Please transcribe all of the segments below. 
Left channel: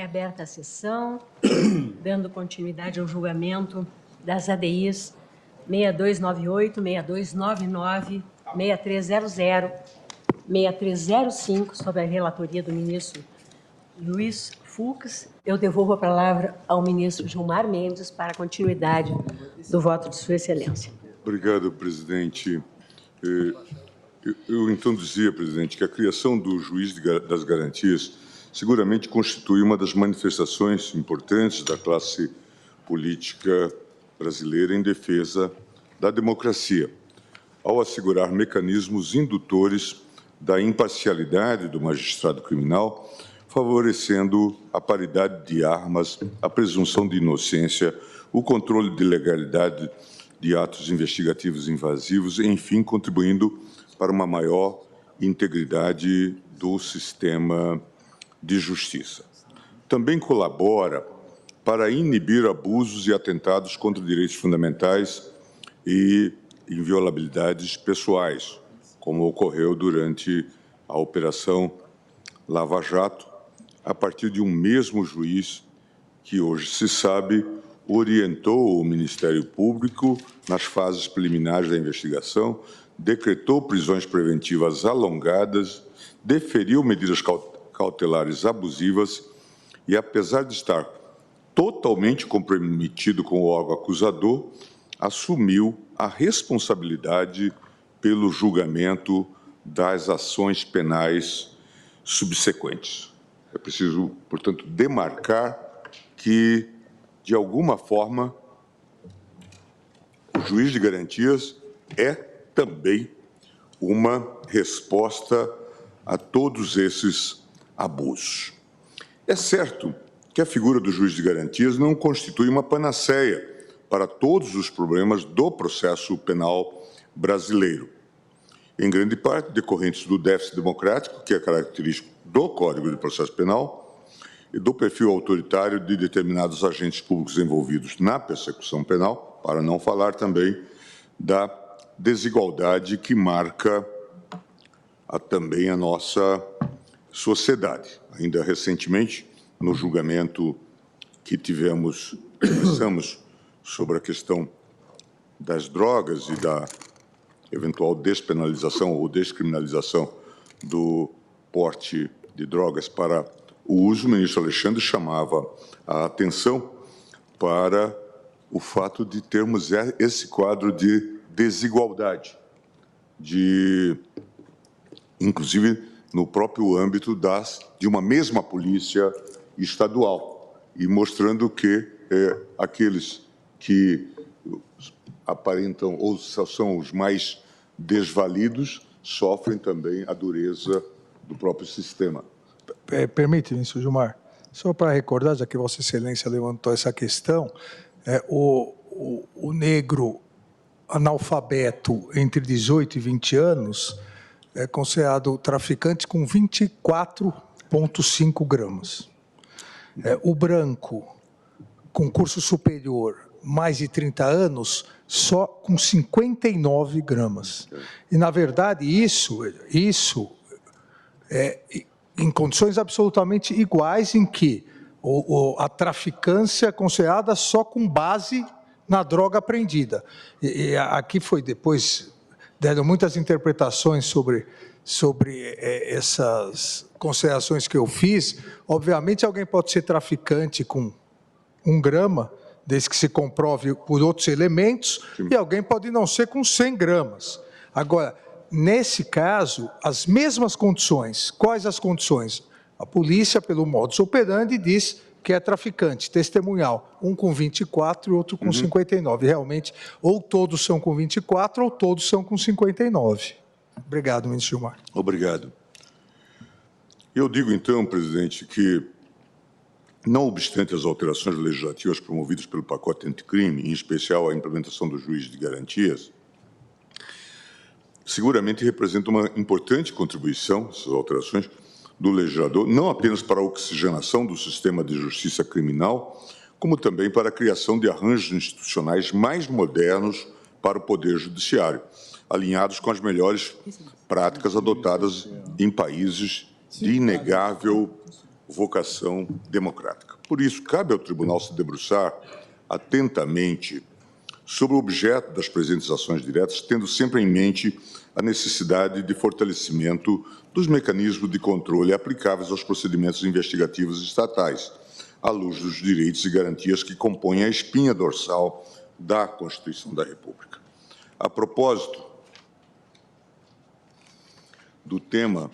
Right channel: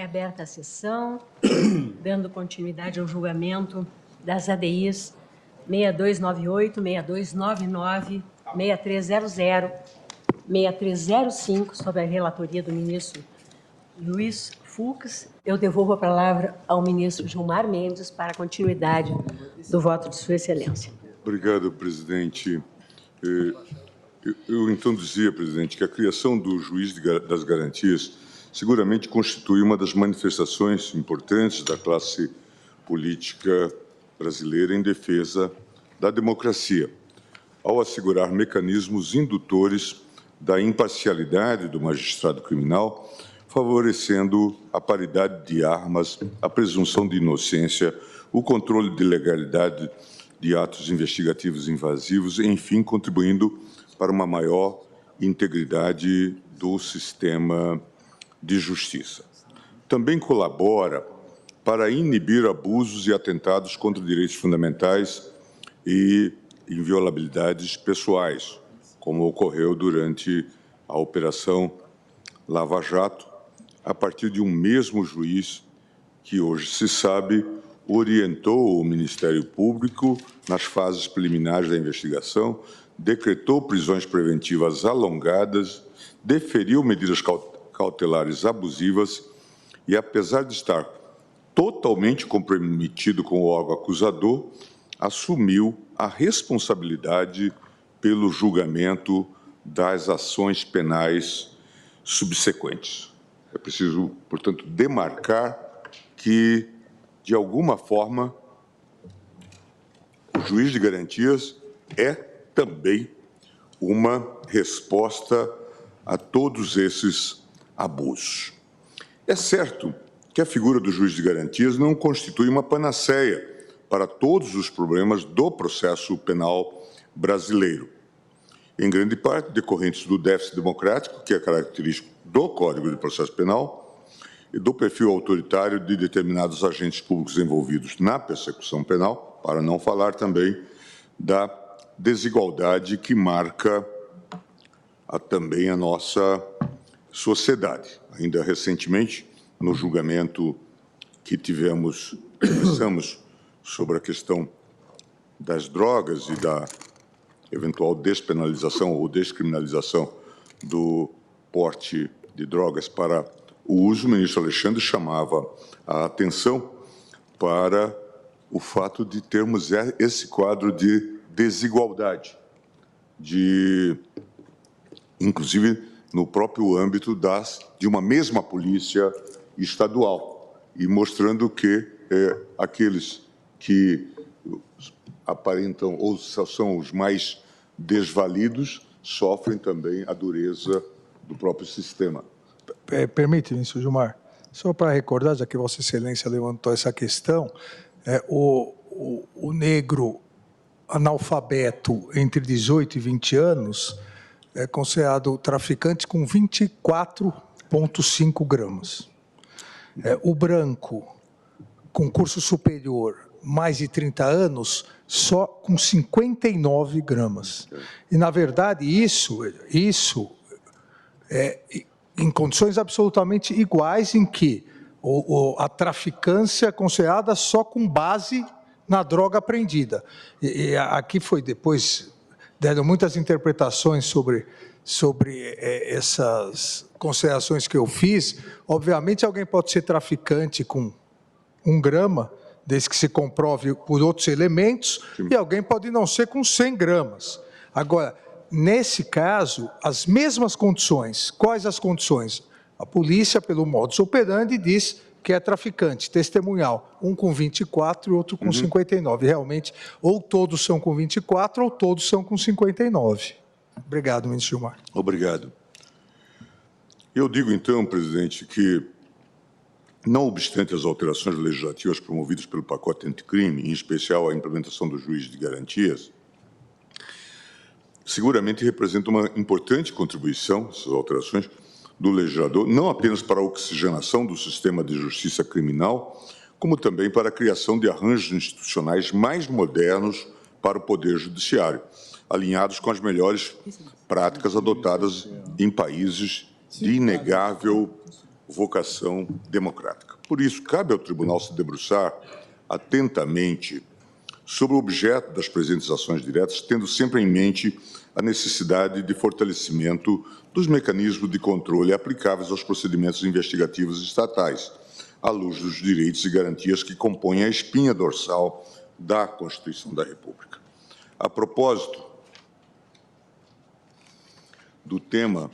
Reaberta a sessão, dando continuidade ao julgamento das ADIs 6298, 6299, 6300, 6305, sob a relatoria do ministro Luiz Fux. Eu devolvo a palavra ao ministro Gilmar Mendes para a continuidade do voto de Sua Excelência. Obrigado, presidente. Eu então dizia, presidente, que a criação do juiz das garantias seguramente constitui uma das manifestações importantes da classe política brasileira em defesa da democracia, ao assegurar mecanismos indutores da imparcialidade do magistrado criminal, favorecendo a paridade de armas, a presunção de inocência, o controle de legalidade de atos investigativos invasivos, enfim, contribuindo para uma maior integridade do sistema de justiça. Também colabora para inibir abusos e atentados contra direitos fundamentais e inviolabilidades pessoais, como ocorreu durante a Operação Lava Jato, a partir de um mesmo juiz que, hoje se sabe, orientou o Ministério Público nas fases preliminares da investigação, decretou prisões preventivas alongadas, deferiu medidas cautelares abusivas e, apesar de estar totalmente comprometido com o órgão acusador, assumiu a responsabilidade pelo julgamento das ações penais subsequentes. É preciso, portanto, demarcar que, de alguma forma, o juiz de garantias é também uma resposta a todos esses abusos. É certo que a figura do juiz de garantias não constitui uma panaceia para todos os problemas do processo penal brasileiro, em grande parte decorrentes do déficit democrático, que é característico do Código de Processo Penal, e do perfil autoritário de determinados agentes públicos envolvidos na persecução penal, para não falar também da desigualdade que marca também a nossa sociedade. Ainda recentemente, no julgamento que tivemos sobre a questão das drogas e da eventual despenalização ou descriminalização do porte de drogas para o uso, o ministro Alexandre chamava a atenção para o fato de termos esse quadro de desigualdade, inclusive no próprio âmbito de uma mesma polícia estadual, e mostrando que aqueles que aparentam ou são os mais desvalidos sofrem também a dureza do próprio sistema. Permite, ministro Gilmar, só para recordar, já que Vossa Excelência levantou essa questão, o negro analfabeto entre 18 e 20 anos é considerado traficante com 24,5 gramas. O branco com curso superior, mais de 30 anos, só com 59 gramas. E, na verdade, isso é em condições absolutamente iguais em que a traficância é considerada só com base na droga apreendida. E aqui foi depois, deram muitas interpretações sobre essas considerações que eu fiz. Obviamente, alguém pode ser traficante com 1 grama, desde que se comprove por outros elementos, sim, e alguém pode não ser com 100 gramas. Agora, nesse caso, as mesmas condições. Quais as condições? A polícia, pelo modus operandi, diz que é traficante, testemunhal, um com 24 e outro com 59. Realmente, ou todos são com 24 ou todos são com 59. Obrigado, ministro Gilmar. Obrigado. Eu digo, então, presidente, que, não obstante as alterações legislativas promovidas pelo pacote anticrime, em especial a implementação do juiz de garantias, seguramente representa uma importante contribuição, essas alterações, do legislador, não apenas para a oxigenação do sistema de justiça criminal, como também para a criação de arranjos institucionais mais modernos para o Poder Judiciário, alinhados com as melhores práticas adotadas em países de inegável vocação democrática. Por isso, cabe ao Tribunal se debruçar atentamente sobre o objeto das presentes ações diretas, tendo sempre em mente a necessidade de fortalecimento dos mecanismos de controle aplicáveis aos procedimentos investigativos estatais, à luz dos direitos e garantias que compõem a espinha dorsal da Constituição da República. A propósito do tema,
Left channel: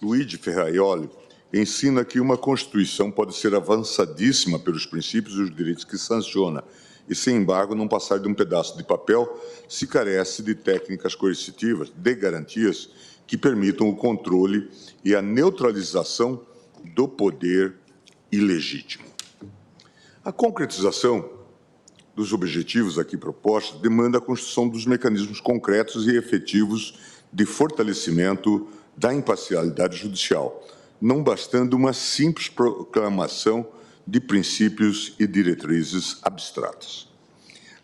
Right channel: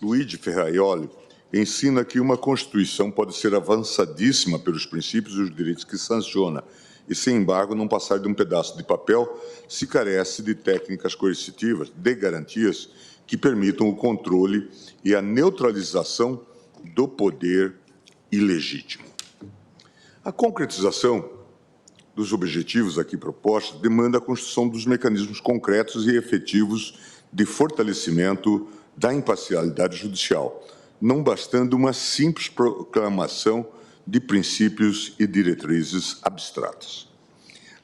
Luigi Ferraioli ensina que uma Constituição pode ser avançadíssima pelos princípios e os direitos que sanciona, e, sem embargo, não passar de um pedaço de papel se carece de técnicas coercitivas, de garantias que permitam o controle e a neutralização do poder ilegítimo. A concretização dos objetivos aqui propostos demanda a construção dos mecanismos concretos e efetivos de fortalecimento da imparcialidade judicial, não bastando uma simples proclamação de princípios e diretrizes abstratas.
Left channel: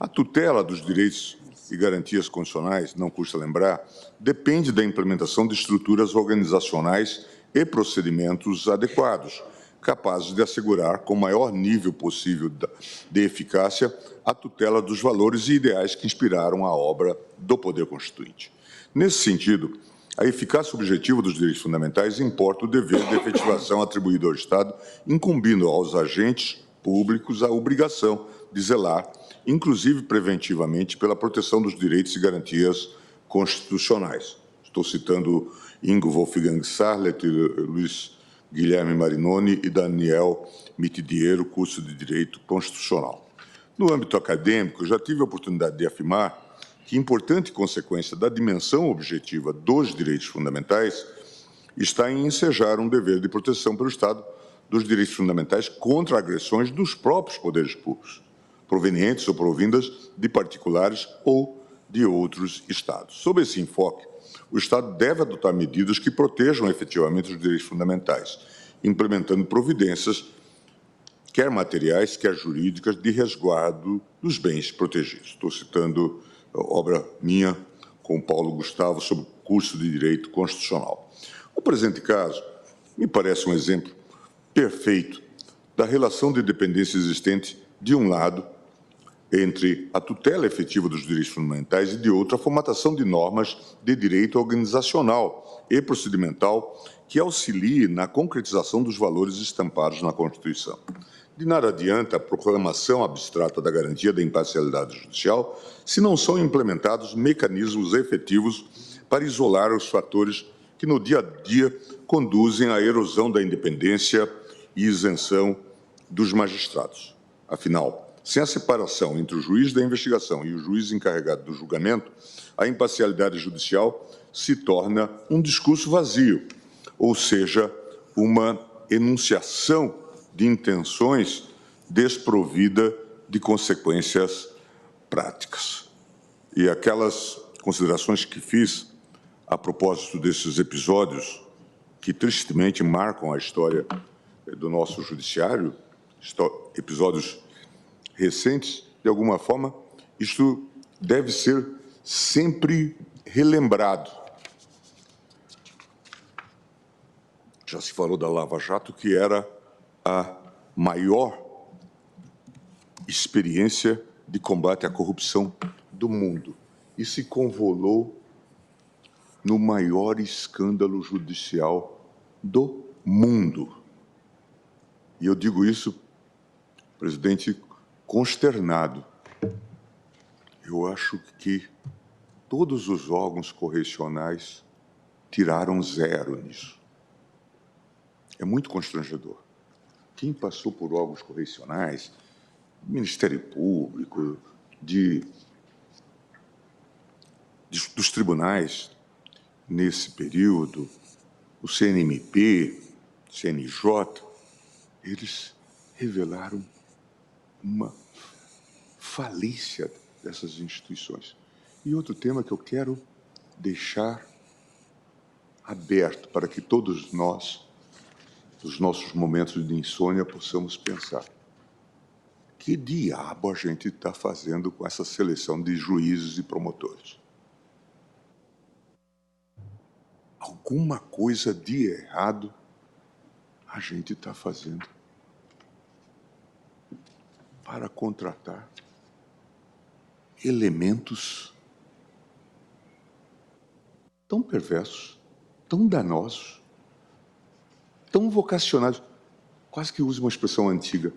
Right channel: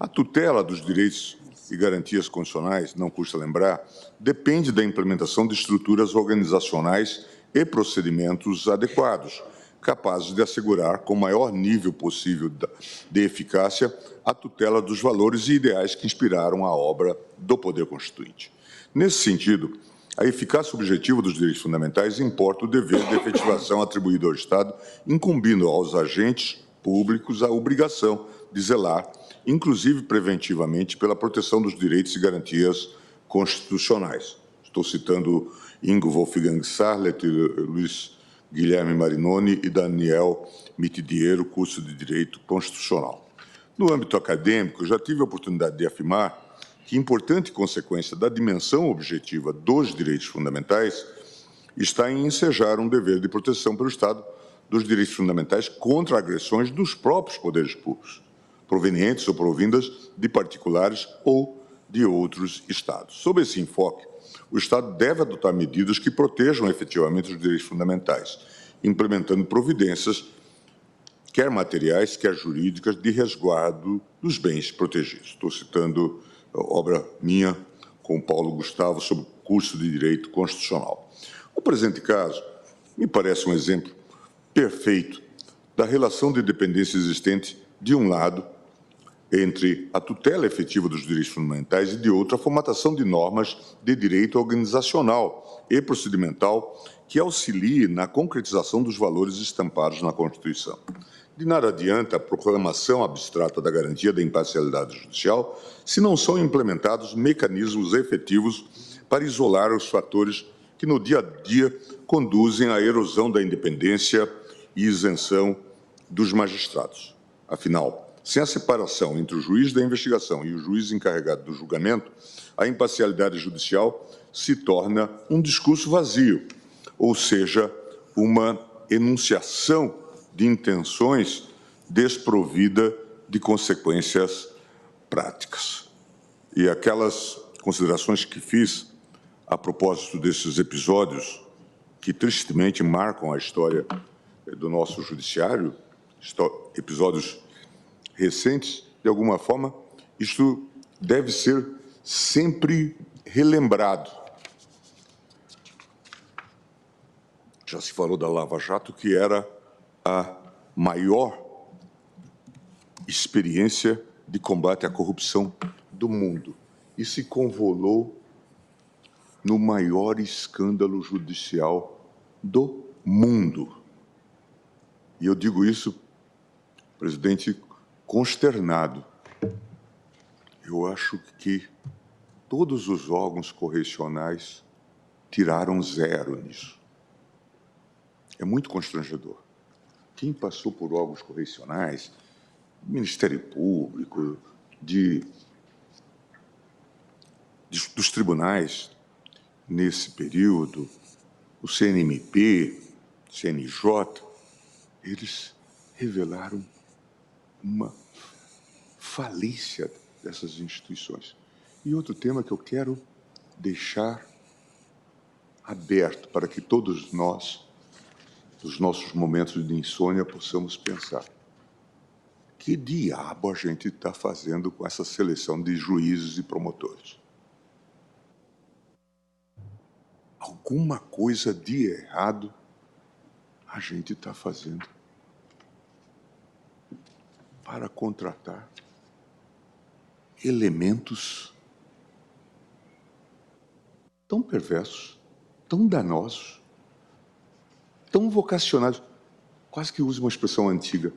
A tutela dos direitos e garantias constitucionais, não custa lembrar, depende da implementação de estruturas organizacionais e procedimentos adequados, capazes de assegurar, com o maior nível possível de eficácia, a tutela dos valores e ideais que inspiraram a obra do Poder Constituinte. Nesse sentido, a eficácia objetiva dos direitos fundamentais importa o dever de efetivação atribuído ao Estado, incumbindo aos agentes públicos a obrigação de zelar, inclusive preventivamente, pela proteção dos direitos e garantias constitucionais. Estou citando Ingo Wolfgang Sarlet, Luiz Guilherme Marinoni e Daniel Mitidiero, curso de Direito Constitucional. No âmbito acadêmico, já tive a oportunidade de afirmar que importante consequência da dimensão objetiva dos direitos fundamentais está em ensejar um dever de proteção pelo Estado dos direitos fundamentais contra agressões dos próprios poderes públicos, provenientes ou provindas de particulares ou de outros Estados. Sob esse enfoque, o Estado deve adotar medidas que protejam efetivamente os direitos fundamentais, implementando providências, quer materiais, quer jurídicas, de resguardo dos bens protegidos. Estou citando obra minha com Paulo Gustavo sobre o curso de Direito Constitucional. O presente caso me parece um exemplo perfeito da relação de dependência existente, de um lado, entre a tutela efetiva dos direitos fundamentais e, de outro, a formatação de normas de direito organizacional e procedimental que auxiliem na concretização dos valores estampados na Constituição. De nada adianta a proclamação abstrata da garantia da imparcialidade judicial se não são implementados mecanismos efetivos para isolar os fatores que no dia a dia conduzem à erosão da independência e isenção dos magistrados. Afinal, sem a separação entre o juiz da investigação e o juiz encarregado do julgamento, a imparcialidade judicial se torna um discurso vazio, ou seja, uma enunciação de intenções desprovida de consequências práticas. E aquelas considerações que fiz a propósito desses episódios que tristemente marcam a história do nosso judiciário, episódios recentes, de alguma forma, isto deve ser sempre relembrado. Já se falou da Lava Jato, que era a maior experiência de combate à corrupção do mundo e se convolou no maior escândalo judicial do mundo. E eu digo isso, presidente, consternado. Eu acho que todos os órgãos correcionais tiraram zero nisso. É muito constrangedor. Quem passou por órgãos correcionais, Ministério Público, dos tribunais nesse período, o CNMP, CNJ, eles revelaram uma falência dessas instituições. E outro tema que eu quero deixar aberto para que todos nós, nos nossos momentos de insônia, possamos pensar: que diabo a gente está fazendo com essa seleção de juízes e promotores? Alguma coisa de errado a gente está fazendo para contratar elementos tão perversos, tão danosos, tão vocacionados, quase que uso uma expressão antiga,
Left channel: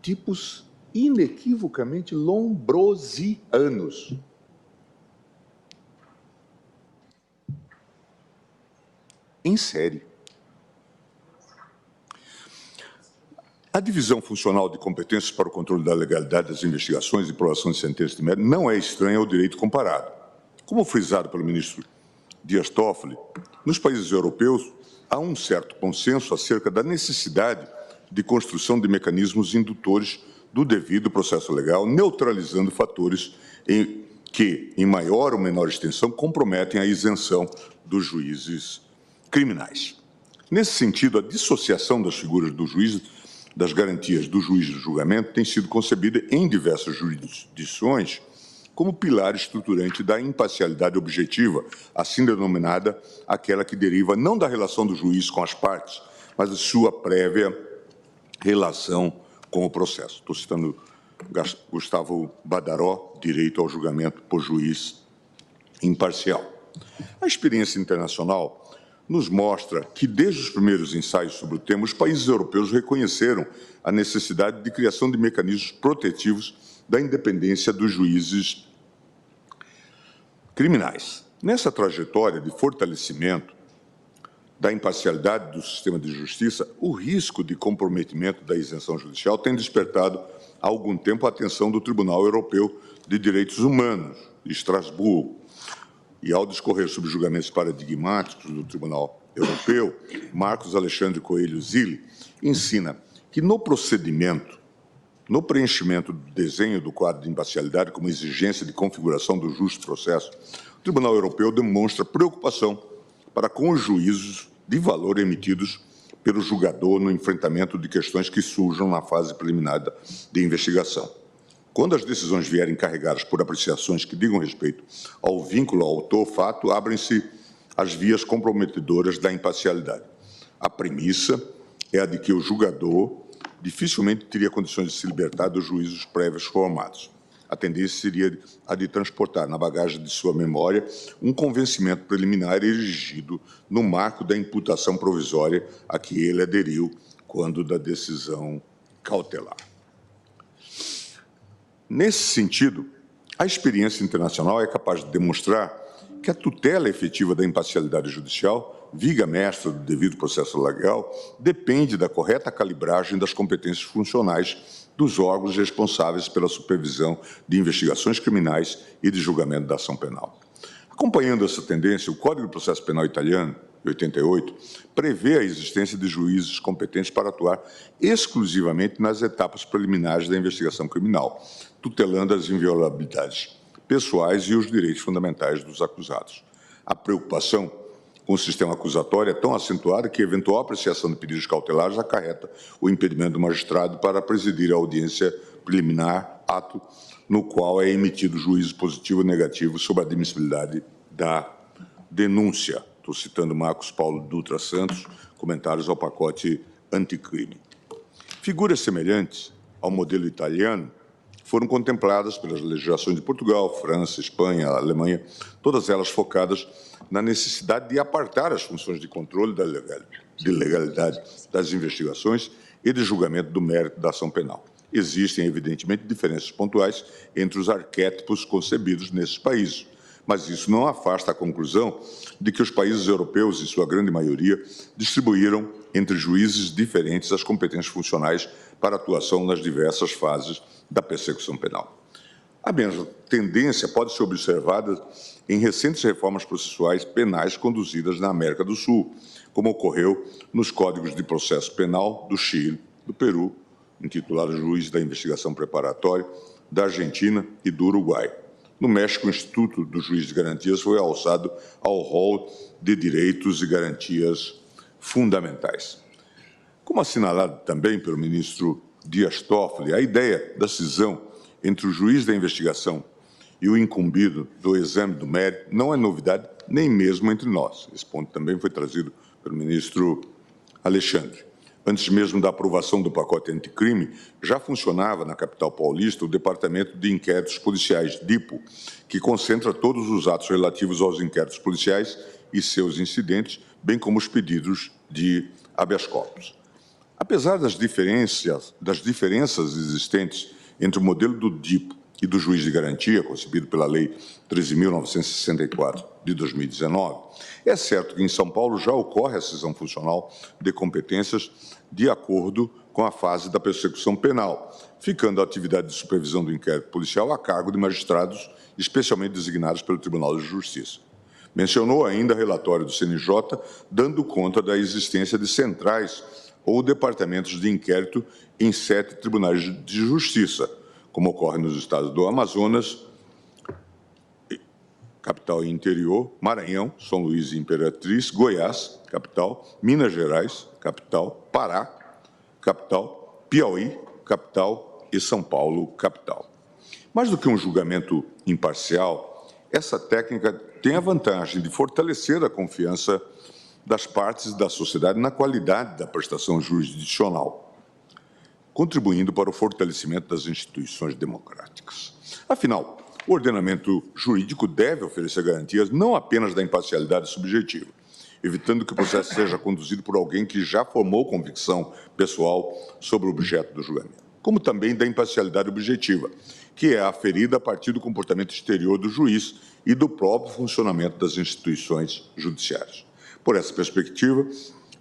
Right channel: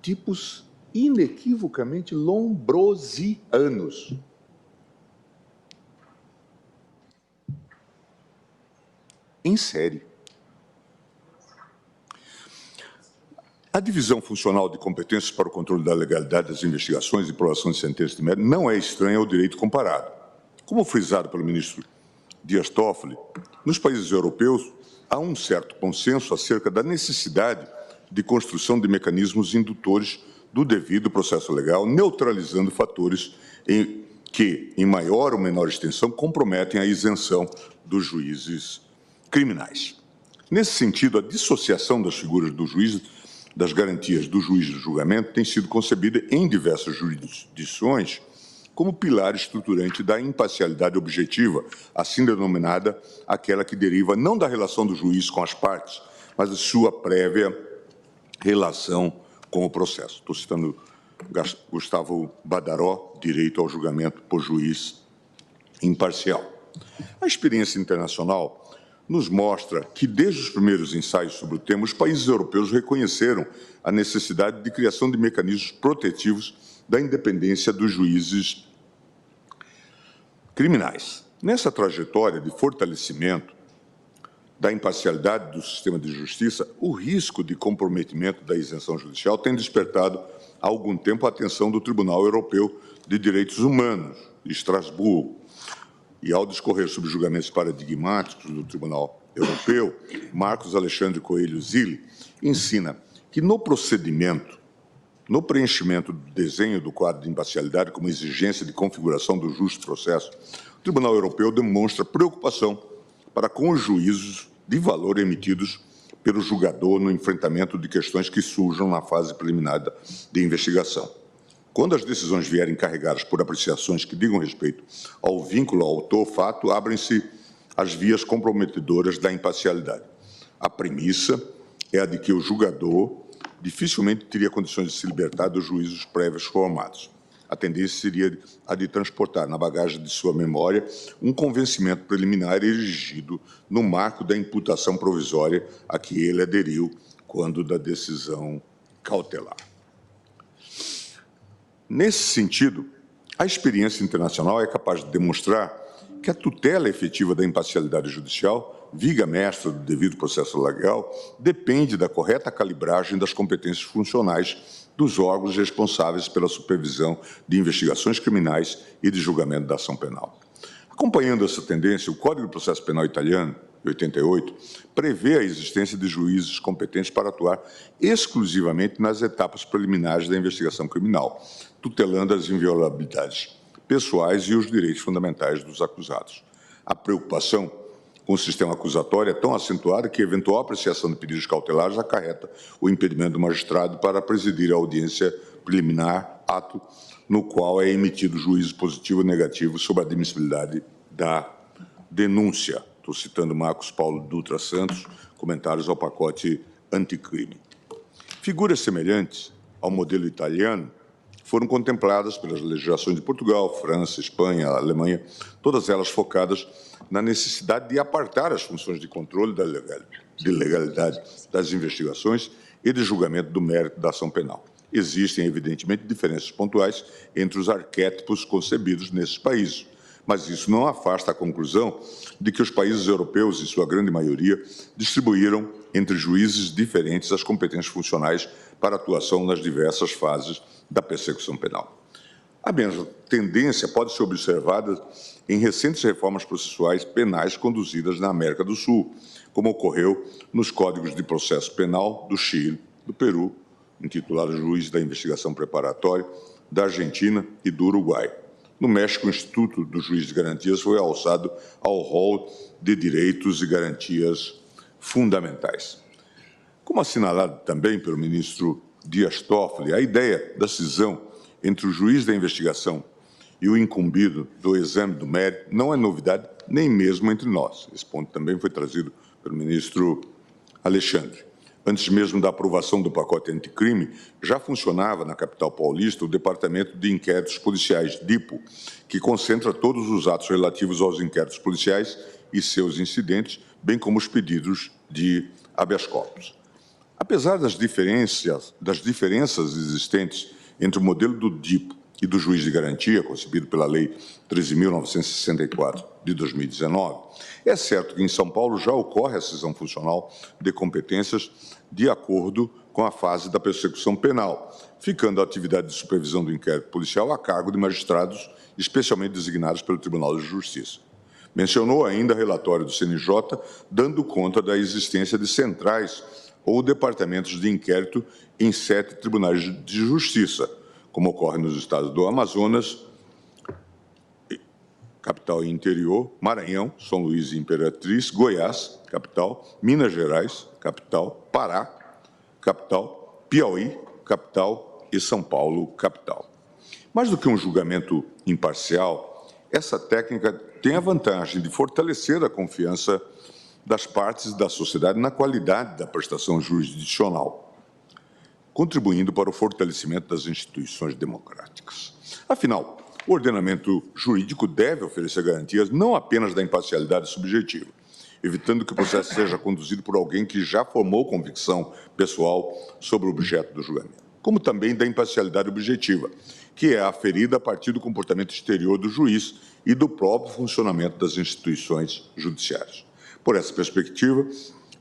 tipos inequivocamente lombrosianos. Em série. A divisão funcional de competências para o controle da legalidade das investigações e aprovação de sentenças de mérito não é estranha ao direito comparado. Como frisado pelo ministro Dias Toffoli, nos países europeus há um certo consenso acerca da necessidade de construção de mecanismos indutores do devido processo legal, neutralizando fatores que, em maior ou menor extensão, comprometem a isenção dos juízes criminais. Nesse sentido, a dissociação das figuras do juiz das garantias do juiz de julgamento tem sido concebida em diversas jurisdições como pilar estruturante da imparcialidade objetiva, assim denominada aquela que deriva não da relação do juiz com as partes, mas de sua prévia relação com o processo. Estou citando Gustavo Badaró, Direito ao Julgamento por Juiz Imparcial. A experiência internacional nos mostra que, desde os primeiros ensaios sobre o tema, os países europeus reconheceram a necessidade de criação de mecanismos protetivos da independência dos juízes criminais. Nessa trajetória de fortalecimento da imparcialidade do sistema de justiça, o risco de comprometimento da isenção judicial tem despertado há algum tempo a atenção do Tribunal Europeu de Direitos Humanos, de Estrasburgo. E ao discorrer sobre julgamentos paradigmáticos do Tribunal Europeu, Marcos Alexandre Coelho Zilli ensina que no procedimento, no preenchimento do desenho do quadro de imparcialidade como exigência de configuração do justo processo, o Tribunal Europeu demonstra preocupação para com os juízos de valor emitidos pelo julgador no enfrentamento de questões que surjam na fase preliminar de investigação. Quando as decisões vierem carregadas por apreciações que digam respeito ao vínculo autor-fato, abrem-se as vias comprometedoras da imparcialidade. A premissa é a de que o julgador dificilmente teria condições de se libertar dos juízos prévios formados. A tendência seria a de transportar na bagagem de sua memória um convencimento preliminar erigido no marco da imputação provisória a que ele aderiu quando da decisão cautelar. Nesse sentido, a experiência internacional é capaz de demonstrar que a tutela efetiva da imparcialidade judicial, viga mestra do devido processo legal, depende da correta calibragem das competências funcionais dos órgãos responsáveis pela supervisão de investigações criminais e de julgamento da ação penal. Acompanhando essa tendência, o Código de Processo Penal italiano, de 88, prevê a existência de juízes competentes para atuar exclusivamente nas etapas preliminares da investigação criminal, tutelando as inviolabilidades pessoais e os direitos fundamentais dos acusados. A preocupação com o sistema acusatório é tão acentuada que a eventual apreciação de pedidos cautelares acarreta o impedimento do magistrado para presidir a audiência preliminar, ato no qual é emitido juízo positivo ou negativo sobre a admissibilidade da denúncia. Estou citando Marcos Paulo Dutra Santos, comentários ao pacote anticrime. Figuras semelhantes ao modelo italiano foram contempladas pelas legislações de Portugal, França, Espanha, Alemanha, todas elas focadas na necessidade de apartar as funções de controle da legalidade das investigações e de julgamento do mérito da ação penal. Existem, evidentemente, diferenças pontuais entre os arquétipos concebidos nesses países, mas isso não afasta a conclusão de que os países europeus, em sua grande maioria, distribuíram entre juízes diferentes as competências funcionais para atuação nas diversas fases da persecução penal. A mesma tendência pode ser observada em recentes reformas processuais penais conduzidas na América do Sul, como ocorreu nos Códigos de Processo Penal do Chile, do Peru, intitulado Juiz da Investigação Preparatória, da Argentina e do Uruguai. No México, o Instituto do Juiz de Garantias foi alçado ao rol de direitos e garantias fundamentais. Como assinalado também pelo ministro Dias Toffoli, a ideia da cisão entre o juiz da investigação e o incumbido do exame do mérito não é novidade nem mesmo entre nós. Esse ponto também foi trazido pelo ministro Alexandre. Antes mesmo da aprovação do pacote anticrime, já funcionava na capital paulista o Departamento de Inquéritos Policiais, DIPO, que concentra todos os atos relativos aos inquéritos policiais e seus incidentes, bem como os pedidos de habeas corpus. Apesar das diferenças existentes entre o modelo do DIPO e do juiz de garantia, concebido pela Lei 13.964 de 2019, é certo que em São Paulo já ocorre a cisão funcional de competências de acordo com a fase da persecução penal, ficando a atividade de supervisão do inquérito policial a cargo de magistrados especialmente designados pelo Tribunal de Justiça. Mencionou ainda relatório do CNJ, dando conta da existência de centrais ou departamentos de inquérito em 7 tribunais de justiça, como ocorre nos estados do Amazonas, capital e interior, Maranhão, São Luís e Imperatriz, Goiás, capital, Minas Gerais, capital, Pará, capital, Piauí, capital e São Paulo, capital. Mais do que um julgamento imparcial, essa técnica tem a vantagem de fortalecer a confiança das partes e da sociedade na qualidade da prestação jurisdicional, contribuindo para o fortalecimento das instituições democráticas. Afinal, o ordenamento jurídico deve oferecer garantias não apenas da imparcialidade subjetiva, evitando que o processo seja conduzido por alguém que já formou convicção pessoal sobre o objeto do julgamento, como também da imparcialidade objetiva, que é aferida a partir do comportamento exterior do juiz e do próprio funcionamento das instituições judiciárias. Por essa perspectiva,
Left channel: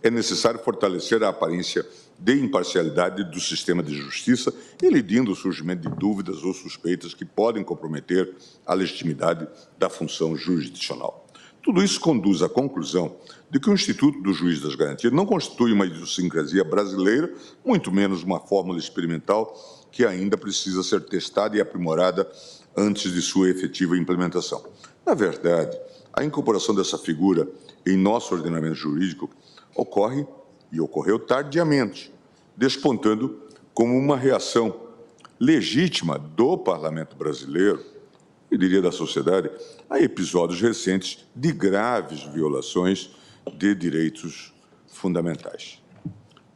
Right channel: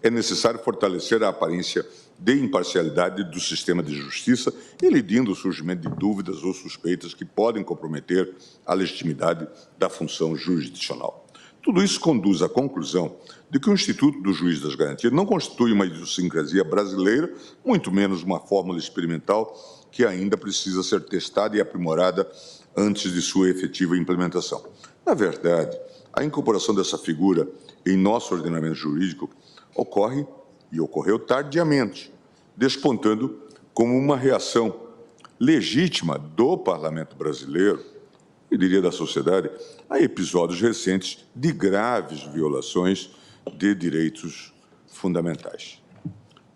é necessário fortalecer a aparência de imparcialidade do sistema de justiça, elidindo o surgimento de dúvidas ou suspeitas que podem comprometer a legitimidade da função jurisdicional. Tudo isso conduz à conclusão de que o Instituto do Juiz das Garantias não constitui uma idiosincrasia brasileira, muito menos uma fórmula experimental que ainda precisa ser testada e aprimorada antes de sua efetiva implementação. Na verdade, a incorporação dessa figura em nosso ordenamento jurídico ocorreu tardiamente, despontando como uma reação legítima do parlamento brasileiro, eu diria da sociedade, a episódios recentes de graves violações de direitos fundamentais.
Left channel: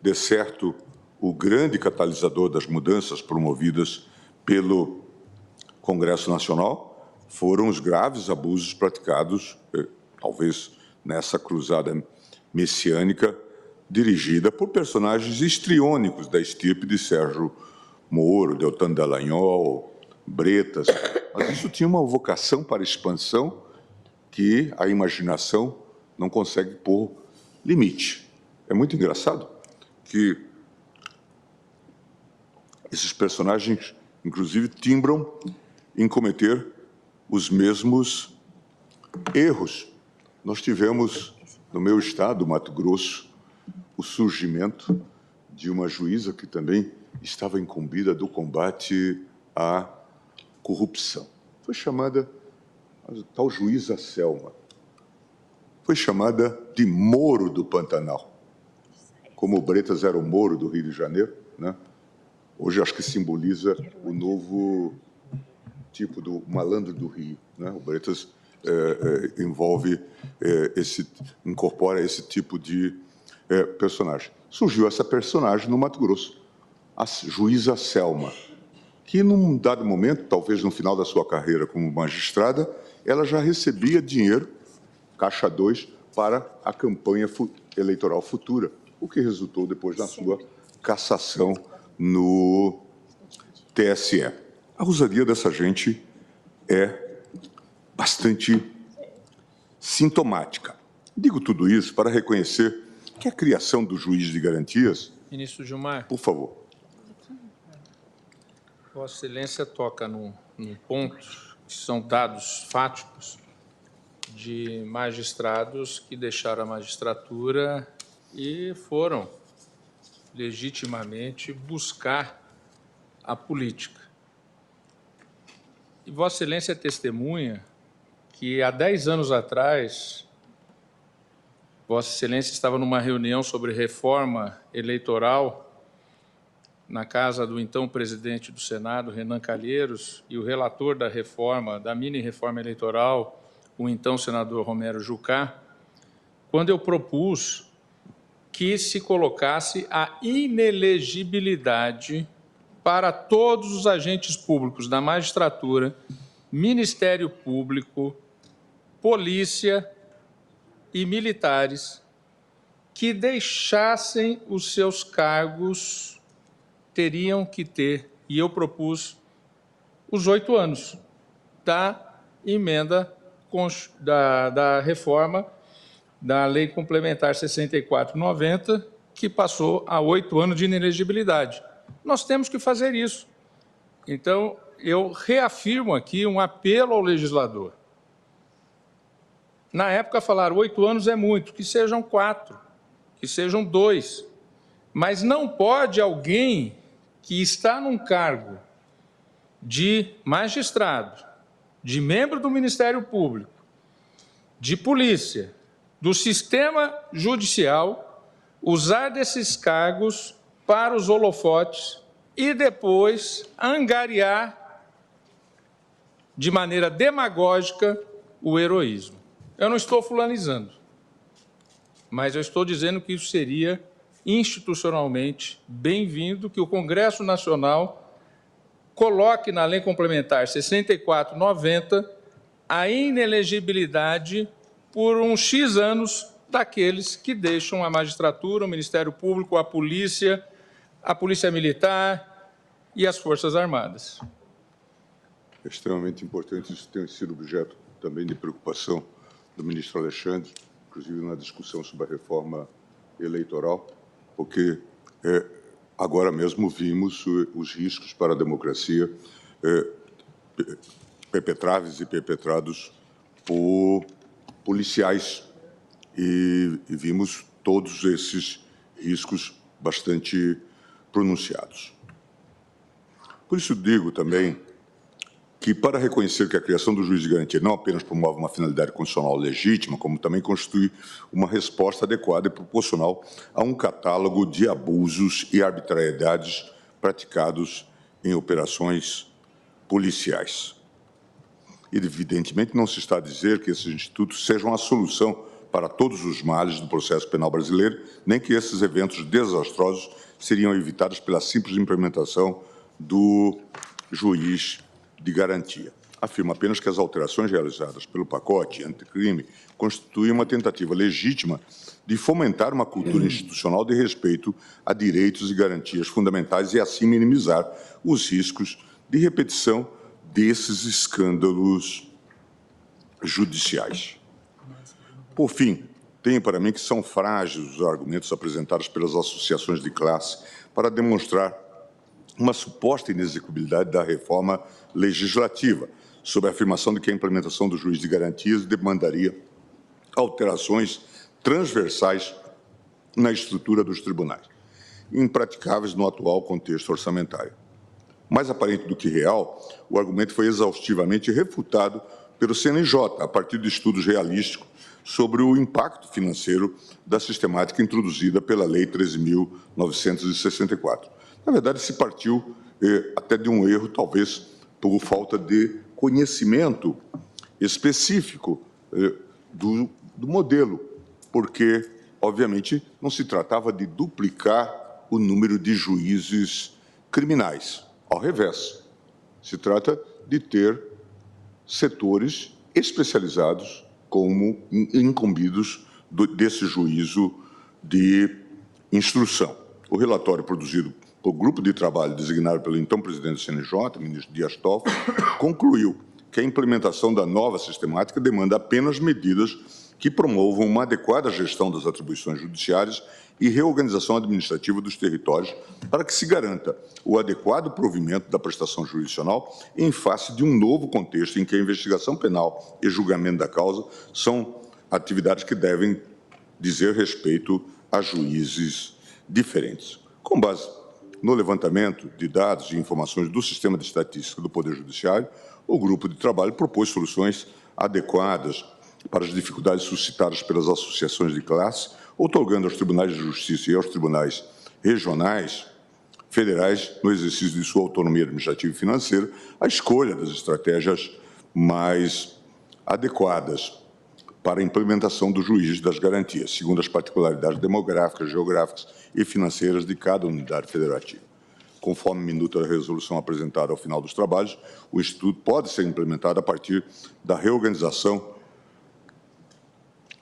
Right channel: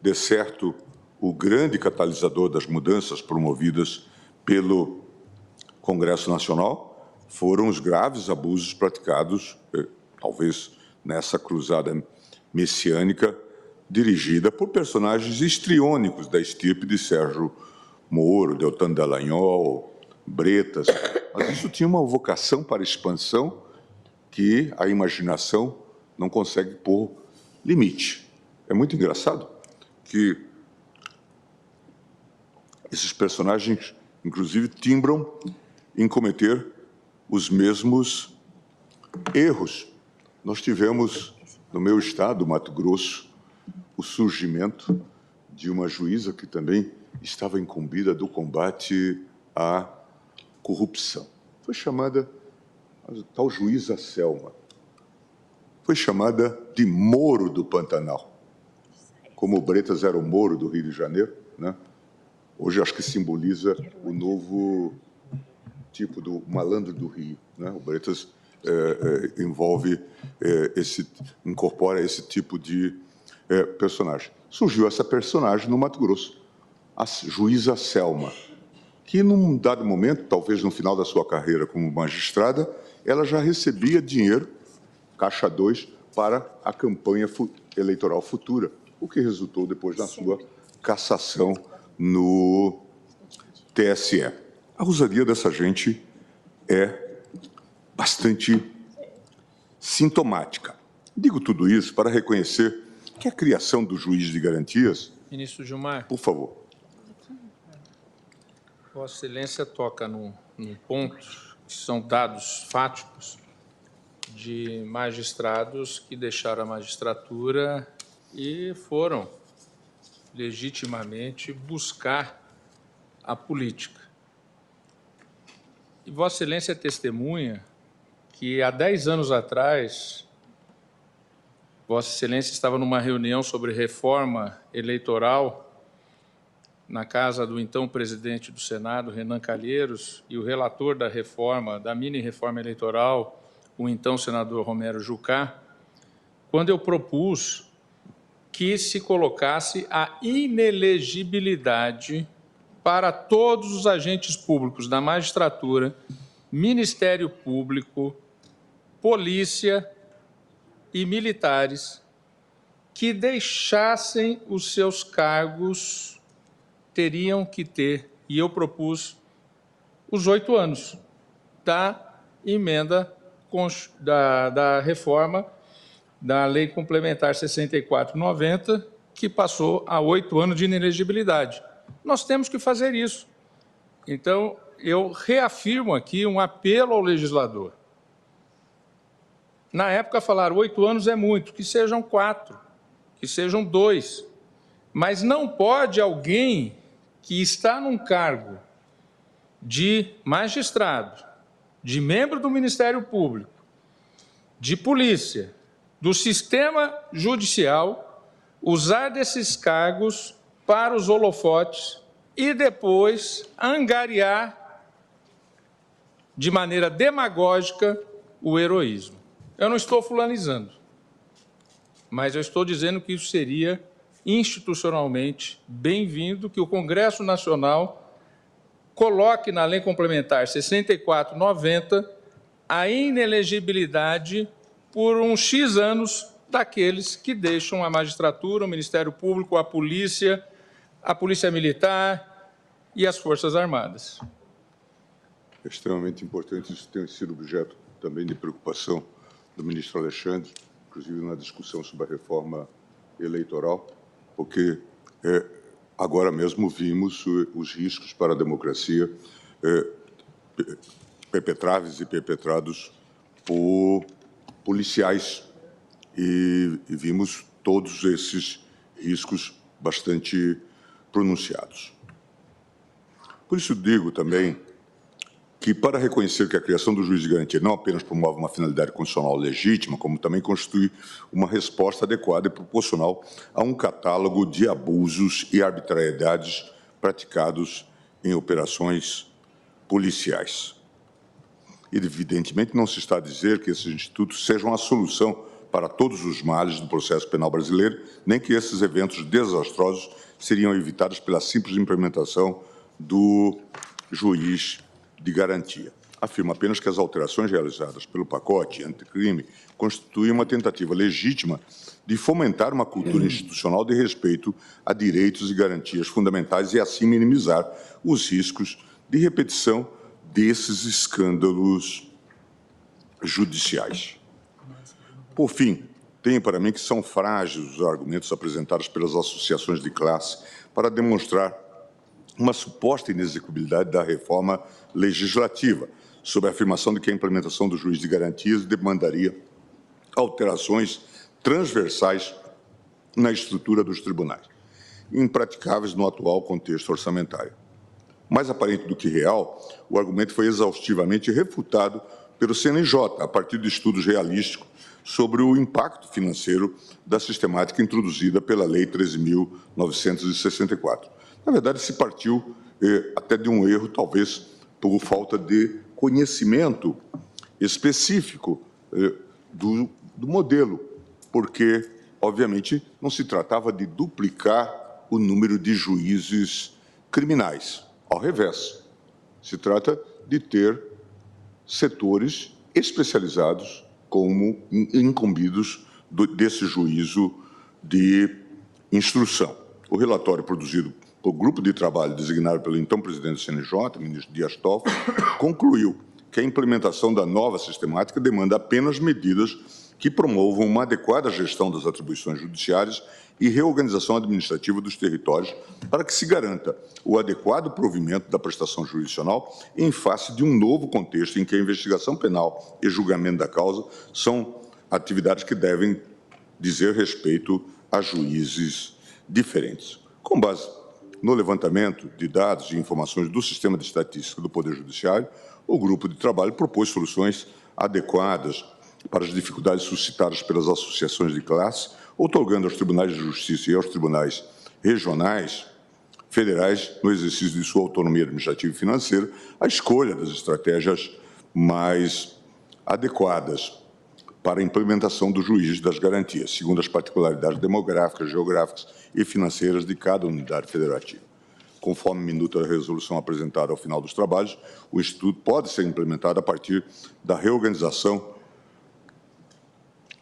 De certo, o grande catalisador das mudanças promovidas pelo Congresso Nacional foram os graves abusos praticados, talvez nessa cruzada messiânica, dirigida por personagens histriônicos da estirpe de Sérgio Moro, Deltan Dallagnol, Bretas. Mas isso tinha uma vocação para expansão que a imaginação não consegue pôr limite. É muito engraçado que esses personagens, inclusive, timbram em cometer os mesmos erros. Nós tivemos, no meu estado, Mato Grosso, o surgimento de uma juíza que também estava incumbida do combate à corrupção. Foi chamada, a tal juíza Selma, foi chamada de Moro do Pantanal. Como o Bretas era o Moro do Rio de Janeiro, né? Hoje acho que simboliza o novo tipo do malandro do Rio, né? O Bretas incorpora esse tipo de personagem. Surgiu essa personagem no Mato Grosso, a juíza Selma, que num dado momento, talvez no final da sua carreira como magistrada, ela já recebia dinheiro, caixa 2, para a campanha eleitoral futura, o que resultou depois da sua cassação no TSE. A ousadia dessa gente é bastante sintomática. Digo tudo isso para reconhecer que a criação do juiz de garantias... Ministro Gilmar. Por favor. Vossa Excelência toca num ponto que são dados fáticos de magistrados que deixaram a magistratura e foram legitimamente buscar a política. E Vossa Excelência é testemunha que há 10 anos atrás Vossa Excelência estava numa reunião sobre reforma eleitoral na casa do então presidente do Senado, Renan Calheiros, e o relator da reforma, da mini-reforma eleitoral, o então senador Romero Jucá, quando eu propus que se colocasse a inelegibilidade para todos os agentes públicos da magistratura, Ministério Público, polícia e militares que deixassem os seus cargos, teriam que ter, e eu propus, os 8 anos da emenda da reforma da Lei Complementar 64/90, que passou a 8 anos de inelegibilidade. Nós temos que fazer isso. Então, eu reafirmo aqui um apelo ao legislador. Na época falaram 8 anos é muito, que sejam 4, que sejam 2. Mas não pode alguém que está num cargo de magistrado, de membro do Ministério Público, de polícia, do sistema judicial, usar desses cargos para os holofotes e depois angariar de maneira demagógica o heroísmo. Eu não estou fulanizando, mas eu estou dizendo que isso seria institucionalmente bem-vindo, que o Congresso Nacional coloque na Lei Complementar 64/90 a inelegibilidade por uns X anos daqueles que deixam a magistratura, o Ministério Público, a Polícia Militar e as Forças Armadas. É extremamente importante, isso tem sido objeto também de preocupação do ministro Alexandre, inclusive na discussão sobre a reforma eleitoral, porque agora mesmo vimos os riscos para a democracia perpetrados e perpetrados por policiais e vimos todos esses riscos bastante pronunciados. Por isso digo também que, para reconhecer que a criação do juiz de garantia não apenas promove uma finalidade constitucional legítima, como também constitui uma resposta adequada e proporcional a um catálogo de abusos e arbitrariedades praticados em operações policiais. Evidentemente, não se está a dizer que esses institutos sejam a solução para todos os males do processo penal brasileiro, nem que esses eventos desastrosos seriam evitados pela simples implementação do juiz de garantia. Afirma apenas que as alterações realizadas pelo pacote anticrime constituem uma tentativa legítima de fomentar uma cultura institucional de respeito a direitos e garantias fundamentais e assim minimizar os riscos de repetição desses escândalos judiciais. Por fim, tenho para mim que são frágeis os argumentos apresentados pelas associações de classe para demonstrar uma suposta inexecuibilidade da reforma legislativa, sob a afirmação de que a implementação do juiz de garantias demandaria alterações transversais na estrutura dos tribunais, impraticáveis no atual contexto orçamentário. Mais aparente do que real, o argumento foi exaustivamente refutado pelo CNJ, a partir de estudos realísticos sobre o impacto financeiro da sistemática introduzida pela Lei 13.964. Na verdade, se partiu até de um erro, talvez por falta de conhecimento específico do modelo, porque, obviamente, não se tratava de duplicar o número de juízes criminais. Ao revés, se trata de ter setores especializados como incumbidos desse juízo de instrução. O relatório produzido por grupo de trabalho designado pelo então presidente do CNJ, o ministro Dias Toffoli, concluiu que a implementação da nova sistemática demanda apenas medidas que promovam uma adequada gestão das atribuições judiciárias e reorganização administrativa dos territórios para que se garanta o adequado provimento da prestação jurisdicional em face de um novo contexto em que a investigação penal e julgamento da causa são atividades que devem dizer respeito a juízes diferentes. Com base no levantamento de dados e informações do Sistema de Estatística do Poder Judiciário, o grupo de trabalho propôs soluções adequadas para as dificuldades suscitadas pelas associações de classe, outorgando aos tribunais de justiça e aos tribunais regionais federais, no exercício de sua autonomia administrativa e financeira, a escolha das estratégias mais adequadas para a implementação do juiz das garantias, segundo as particularidades demográficas, geográficas e financeiras de cada unidade federativa. Conforme minuta da resolução apresentada ao final dos trabalhos, o Instituto pode ser implementado a partir da reorganização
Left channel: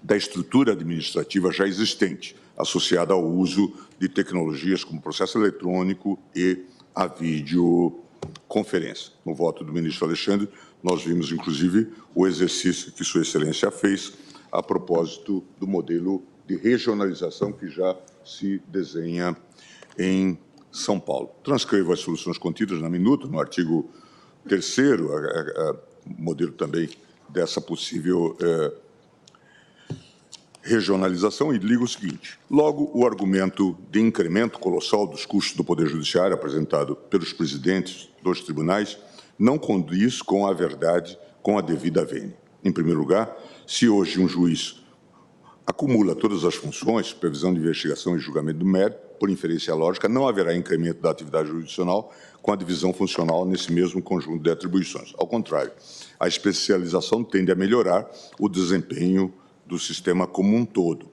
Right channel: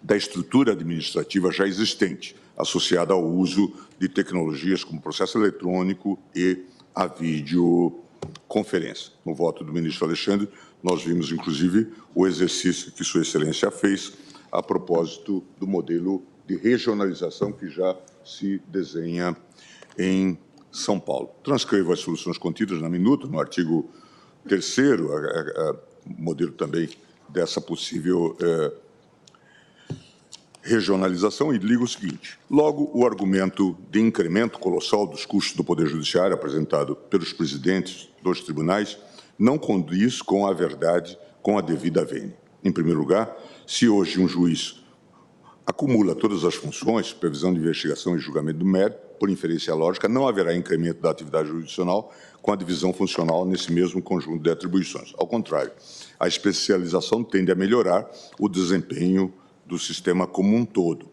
da estrutura administrativa já existente, associada ao uso de tecnologias como processo eletrônico e a videoconferência. No voto do ministro Alexandre, nós vimos, inclusive, o exercício que Sua Excelência fez a propósito do modelo de regionalização que já se desenha em São Paulo. Transcrevo as soluções contidas na minuta, no artigo 3º, modelo também dessa possível regionalização, e ligo o seguinte: logo, o argumento de incremento colossal dos custos do Poder Judiciário apresentado pelos presidentes dos tribunais não condiz com a verdade, com a devida vênia. Em primeiro lugar, se hoje um juiz acumula todas as funções, supervisão de investigação e julgamento do mérito, por inferência lógica, não haverá incremento da atividade jurisdicional com a divisão funcional nesse mesmo conjunto de atribuições. Ao contrário, a especialização tende a melhorar o desempenho do sistema como um todo.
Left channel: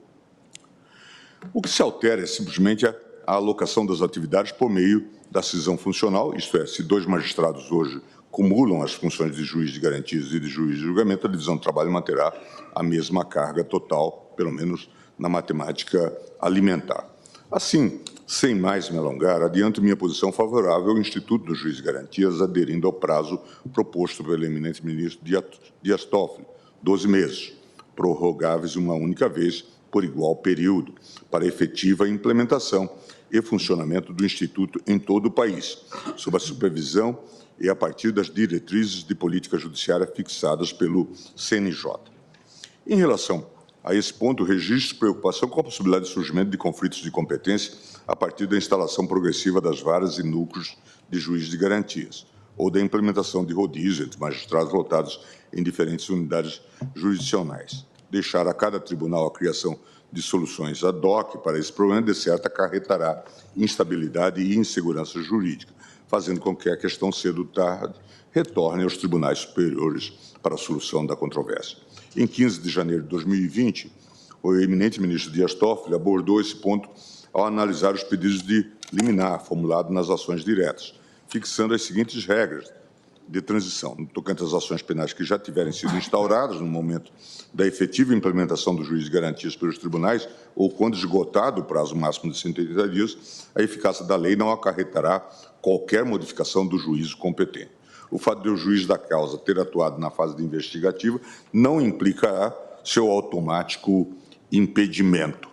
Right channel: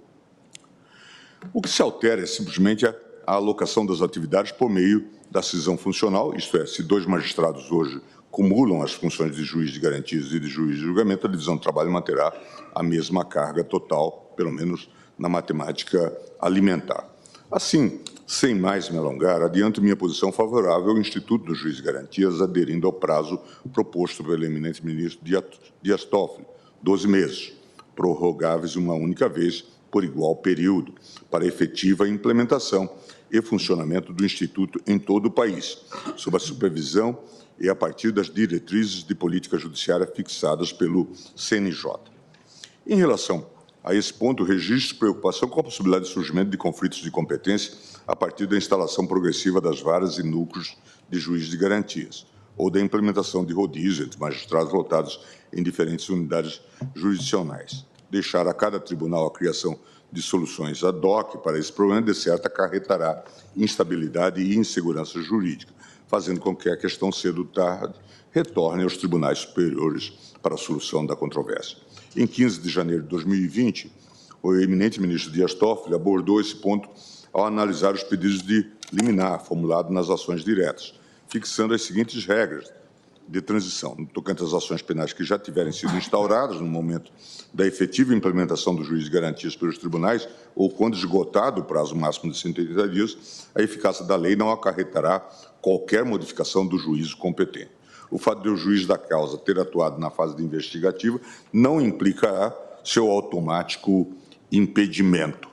O que se altera é simplesmente a alocação das atividades por meio da cisão funcional, isto é, se 2 magistrados hoje cumulam as funções de juiz de garantias e de juiz de julgamento, a divisão do trabalho manterá a mesma carga total, pelo menos na matemática alimentar. Assim, sem mais me alongar, adianto minha posição favorável ao Instituto do Juiz de Garantias, aderindo ao prazo proposto pelo eminente ministro Dias Toffoli, 12 meses, prorrogáveis uma única vez por igual período, para efetiva implementação e funcionamento do Instituto em todo o país, sob a supervisão e a partir das diretrizes de política judiciária fixadas pelo CNJ. Em relação a esse ponto, registro preocupação com a possibilidade de surgimento de conflitos de competência a partir da instalação progressiva das varas e núcleos de juízes de garantias, ou da implementação de rodízio entre magistrados lotados em diferentes unidades jurisdicionais. Deixar a cada tribunal a criação de soluções ad hoc para esse problema, de certo, acarretará instabilidade e insegurança jurídica, fazendo com que a questão cedo ou tarde retorne aos tribunais superiores para a solução da controvérsia. Em 15 de janeiro de 2020, o eminente ministro Dias Toffoli abordou esse ponto ao analisar os pedidos de liminar formulados nas ações diretas, fixando as seguintes regras de transição, no tocante às ações penais que já tiverem sido instauradas no momento da efetiva implementação do juízo de garantias pelos tribunais ou quando esgotado o prazo máximo de 180 dias, a eficácia da lei não acarretará qualquer modificação do juízo competente. O fato de o juiz da causa ter atuado na fase de investigativa não implicará seu automático impedimento.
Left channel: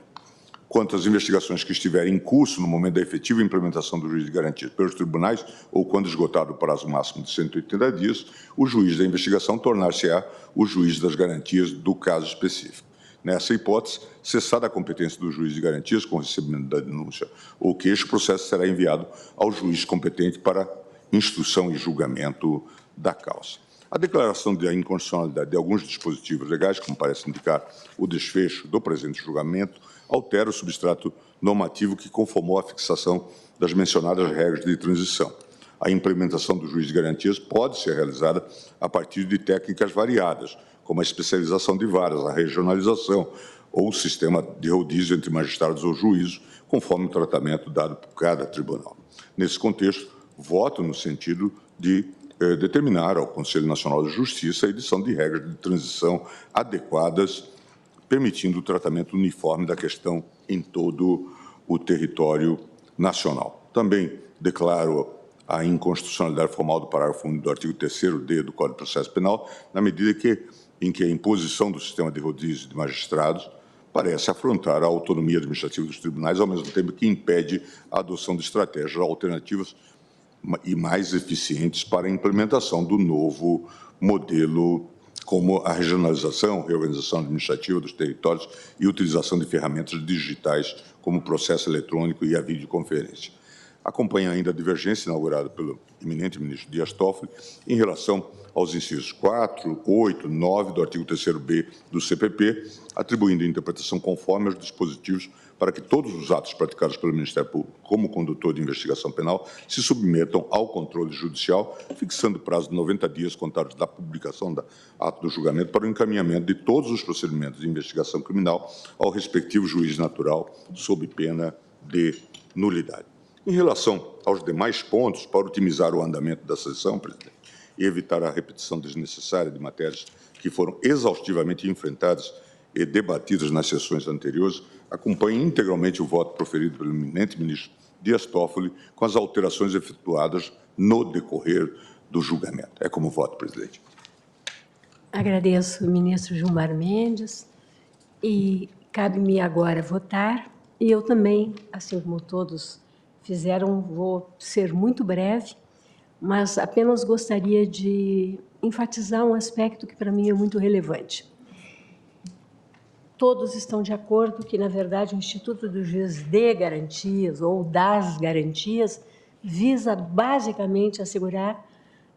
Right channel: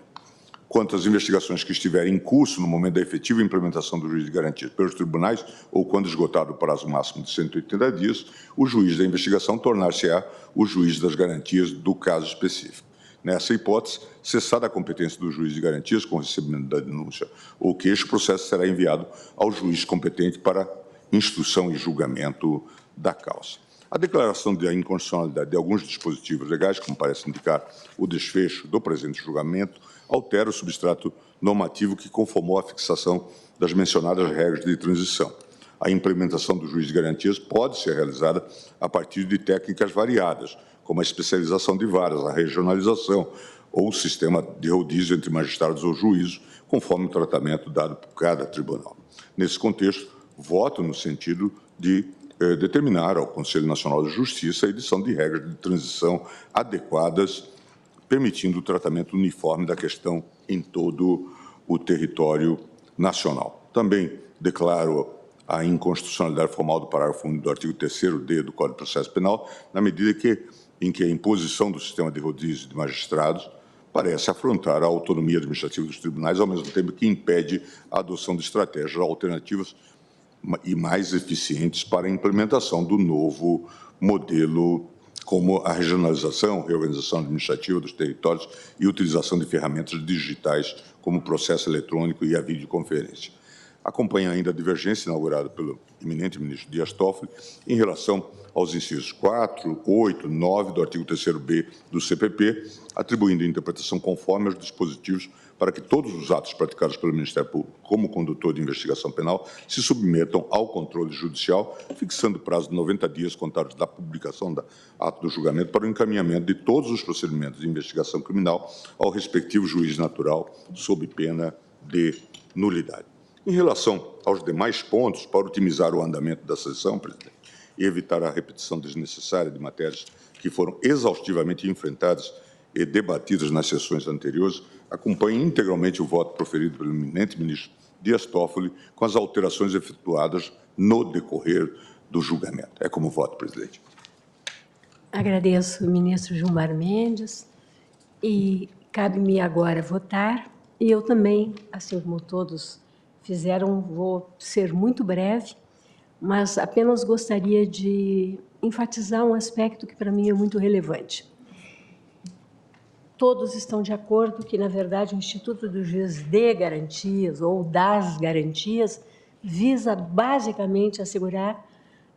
Quanto às investigações que estiverem em curso no momento da efetiva implementação do juízo de garantias pelos tribunais ou quando esgotado o prazo máximo de 180 dias, o juiz da investigação tornar-se-á o juiz das garantias do caso específico. Nessa hipótese, cessada a competência do juiz de garantias com o recebimento da denúncia ou queixa, o processo será enviado ao juiz competente para instrução e julgamento da causa. A declaração de inconstitucionalidade de alguns dispositivos legais, como parece indicar o desfecho do presente julgamento, altera o substrato normativo que conformou a fixação das mencionadas regras de transição. A implementação do juiz de garantias pode ser realizada a partir de técnicas variadas, como a especialização de varas, a regionalização ou o sistema de rodízio entre magistrados ou juízos, conforme o tratamento dado por cada tribunal. Nesse contexto, voto no sentido de determinar ao Conselho Nacional de Justiça a edição de regras de transição adequadas, permitindo o tratamento uniforme da questão em todo o território nacional. Também declaro a inconstitucionalidade formal do parágrafo único do artigo 3º-D do Código de Processo Penal, na medida em que a imposição do sistema de rodízio de magistrados parece afrontar a autonomia administrativa dos tribunais, ao mesmo tempo que impede a adoção de estratégias alternativas e mais eficientes para a implementação do novo modelo, como a regionalização, reorganização administrativa dos territórios e utilização de ferramentas digitais como o processo eletrônico e a videoconferência. Acompanha ainda a divergência inaugurada pelo eminente ministro Dias Toffoli em relação aos incisos 4, 8, 9 do artigo 3º-B do CPP, atribuindo interpretação conforme aos dispositivos para que todos os atos praticados pelo Ministério Público como condutor de investigação penal se submetam ao controle judicial, fixando prazo de 90 dias contados da publicação do ato do julgamento para o encaminhamento de todos os procedimentos de investigação criminal ao respectivo juiz natural, sob pena de nulidade. Em relação aos demais pontos, para otimizar o andamento da sessão, presidente, e evitar a repetição desnecessária de matérias que foram exaustivamente enfrentadas e debatidas nas sessões anteriores, acompanhe integralmente o voto proferido pelo eminente ministro Dias Toffoli com as alterações efetuadas no decorrer do julgamento. É como voto, presidente. Agradeço, ministro Gilmar Mendes, e cabe-me agora votar, e eu também, assim como todos fizeram, vou ser muito breve, mas apenas gostaria de enfatizar um aspecto que para mim é muito relevante. Todos estão de acordo que, na verdade, o Instituto do Juiz de Garantias, ou das Garantias, visa basicamente assegurar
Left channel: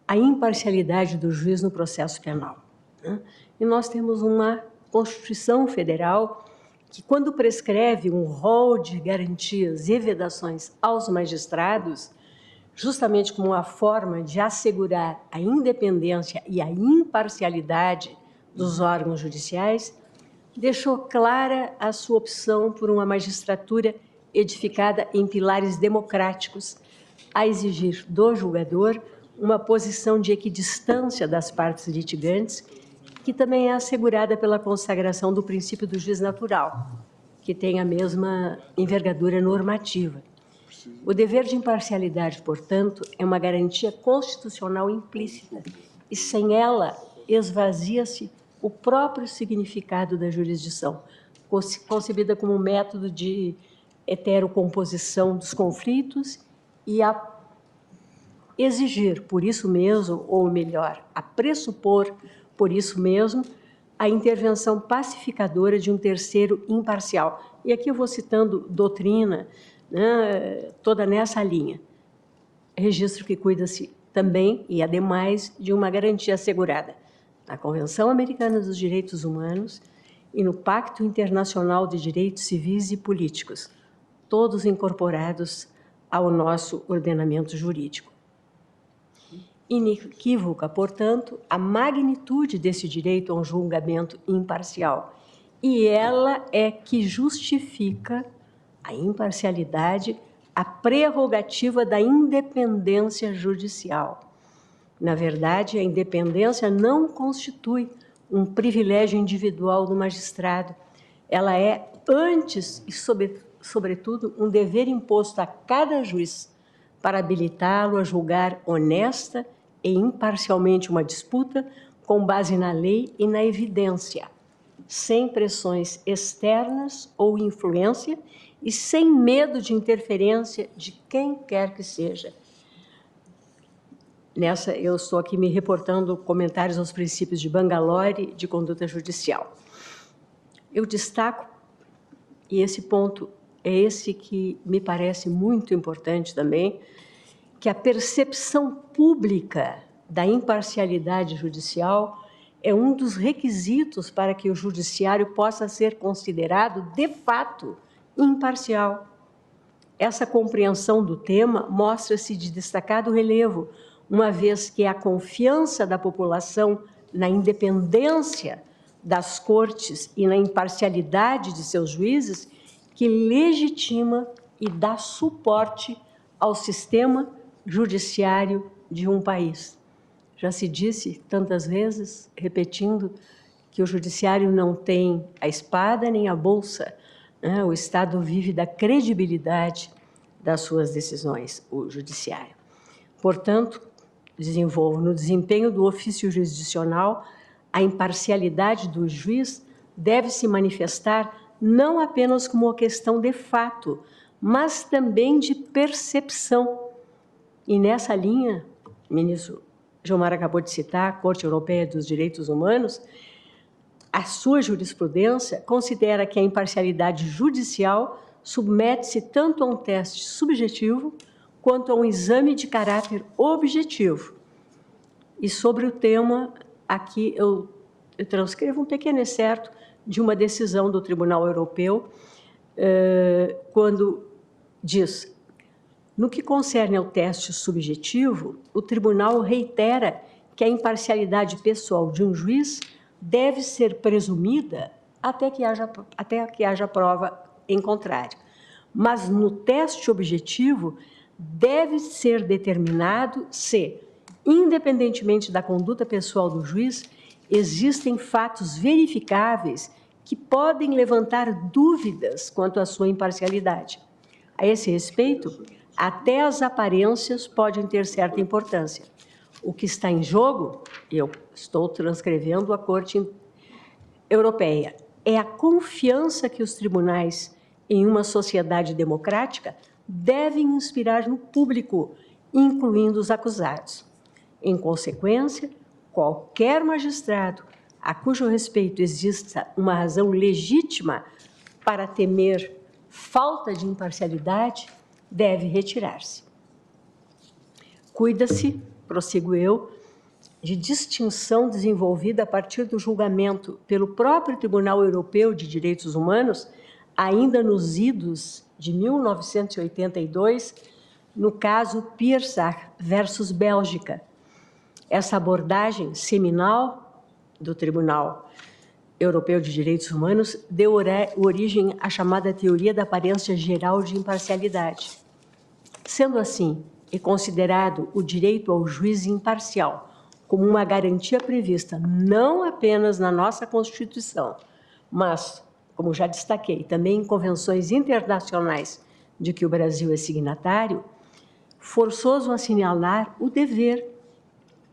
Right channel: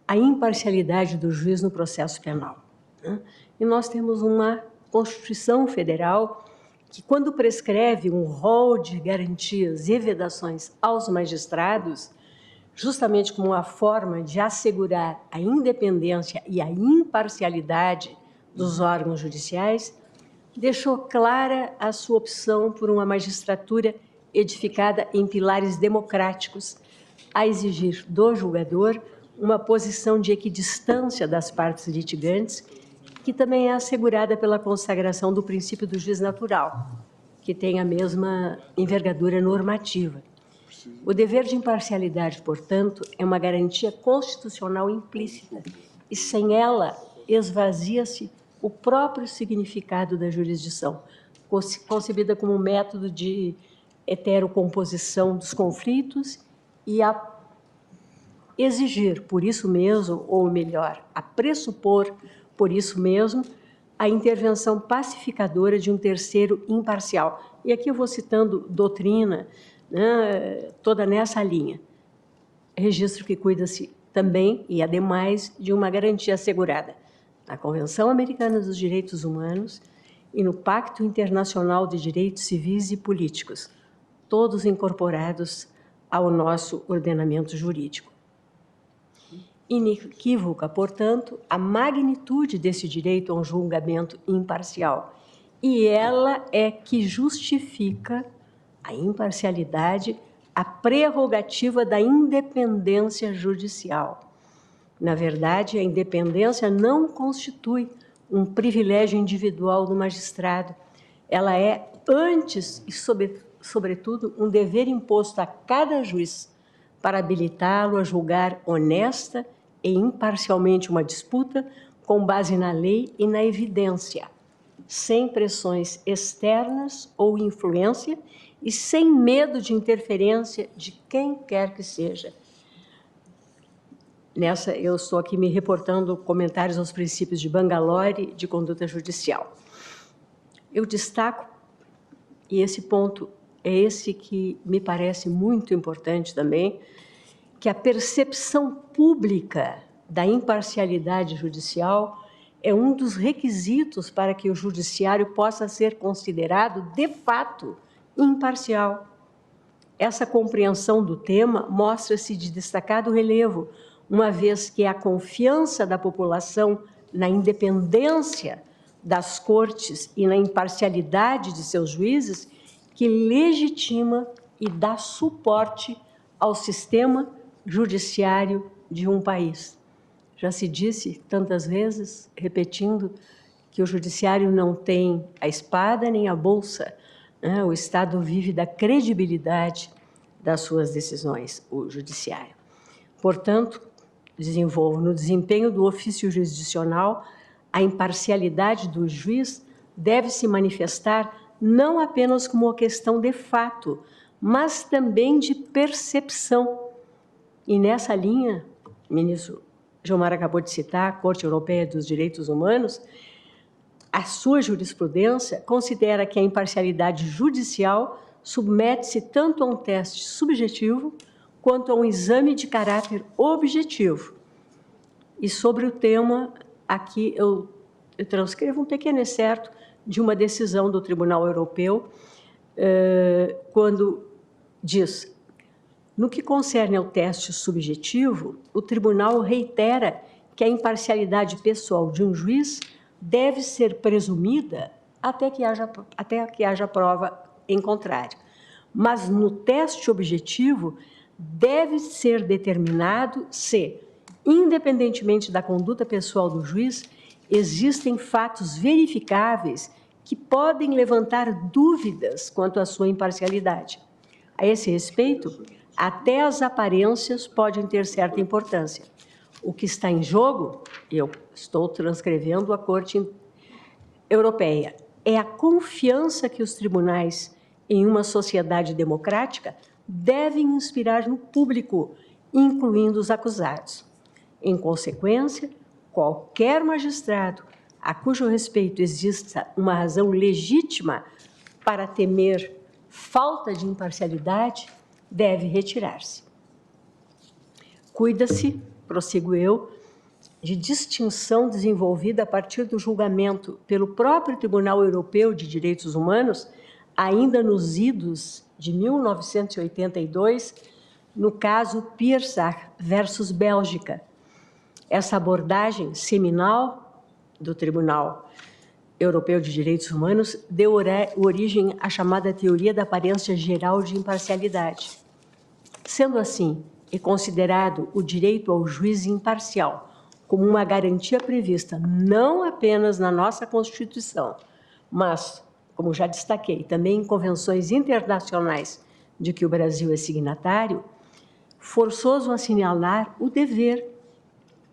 a imparcialidade do juiz no processo penal, né? E nós temos uma Constituição Federal que, quando prescreve um rol de garantias e vedações aos magistrados, justamente como uma forma de assegurar a independência e a imparcialidade dos órgãos judiciais, deixou clara a sua opção por uma magistratura edificada em pilares democráticos, a exigir do julgador uma posição de equidistância das partes litigantes, que também é assegurada pela consagração do princípio do juiz natural, que tem a mesma envergadura normativa. O dever de imparcialidade, portanto, é uma garantia constitucional implícita, e sem ela esvazia-se o próprio significado da jurisdição, concebida como um método de heterocomposição dos conflitos e a exigir, por isso mesmo, ou melhor, a pressupor, por isso mesmo, a intervenção pacificadora de um terceiro imparcial. E aqui eu vou citando doutrina, né, toda nessa linha. Registro que cuida-se também, e ademais, de uma garantia assegurada na Convenção Americana dos Direitos Humanos e no Pacto Internacional de Direitos Civis e Políticos, todos incorporados ao nosso ordenamento jurídico. Inequívoca, portanto, a magnitude desse direito a um julgamento imparcial, e ela é que justifica a imparcialidade, a prerrogativa da independência judicial. Na verdade, a independência não constitui um privilégio individual do magistrado. Ela é, antes e sobretudo, um dever imposto a cada juiz para habilitá-lo a julgar honesta e imparcialmente uma disputa com base na lei e na evidência, sem pressões externas ou influência e sem medo de interferência de quem quer que seja. Nessa, eu estou aqui me reportando comentários aos princípios de Bangalore de conduta judicial. Eu destaco, e esse ponto é esse que me parece muito importante também, que a percepção pública da imparcialidade judicial é um dos requisitos para que o judiciário possa ser considerado, de fato, imparcial. Essa compreensão do tema mostra-se de destacado relevo, uma vez que a confiança da população na independência das cortes e na imparcialidade de seus juízes que legitima e dá suporte ao sistema judiciário de um país. Já se disse tantas vezes, repetindo, que o judiciário não tem a espada nem a bolsa, né? O Estado vive da credibilidade das suas decisões, o judiciário. Portanto, desenvolvo no desempenho do ofício jurisdicional, a imparcialidade do juiz deve se manifestar não apenas como uma questão de fato, mas também de percepção. E nessa linha, o ministro Gilmar acabou de citar, a Corte Europeia dos Direitos Humanos, a sua jurisprudência considera que a imparcialidade judicial submete-se tanto a um teste subjetivo quanto a um exame de caráter objetivo. E sobre o tema, aqui eu transcrevo um pequeno excerto de uma decisão do Tribunal Europeu quando diz: no que concerne ao teste subjetivo, o tribunal reitera que a imparcialidade pessoal de um juiz deve ser presumida até que haja prova em contrário. Mas no teste objetivo deve ser determinado se, independentemente da conduta pessoal do juiz, existem fatos verificáveis que podem levantar dúvidas quanto à sua imparcialidade. A esse respeito, até as aparências podem ter certa importância. O que está em jogo, eu estou transcrevendo a Corte Europeia, é a confiança que os tribunais, em uma sociedade democrática, devem inspirar no público, incluindo os acusados. Em consequência, qualquer magistrado a cujo respeito exista uma razão legítima para temer falta de imparcialidade deve retirar-se. Cuida-se, prossigo eu, de distinção desenvolvida a partir do julgamento pelo próprio Tribunal Europeu de Direitos Humanos, ainda nos idos de 1982, no caso Piersach versus Bélgica. Essa abordagem seminal do Tribunal Europeu de Direitos Humanos deu origem à chamada teoria da aparência geral de imparcialidade. Sendo assim, e considerado o direito ao juiz imparcial como uma garantia prevista não apenas na nossa Constituição, mas, como já destaquei, também em convenções internacionais de que o Brasil é signatário, forçoso assinalar o dever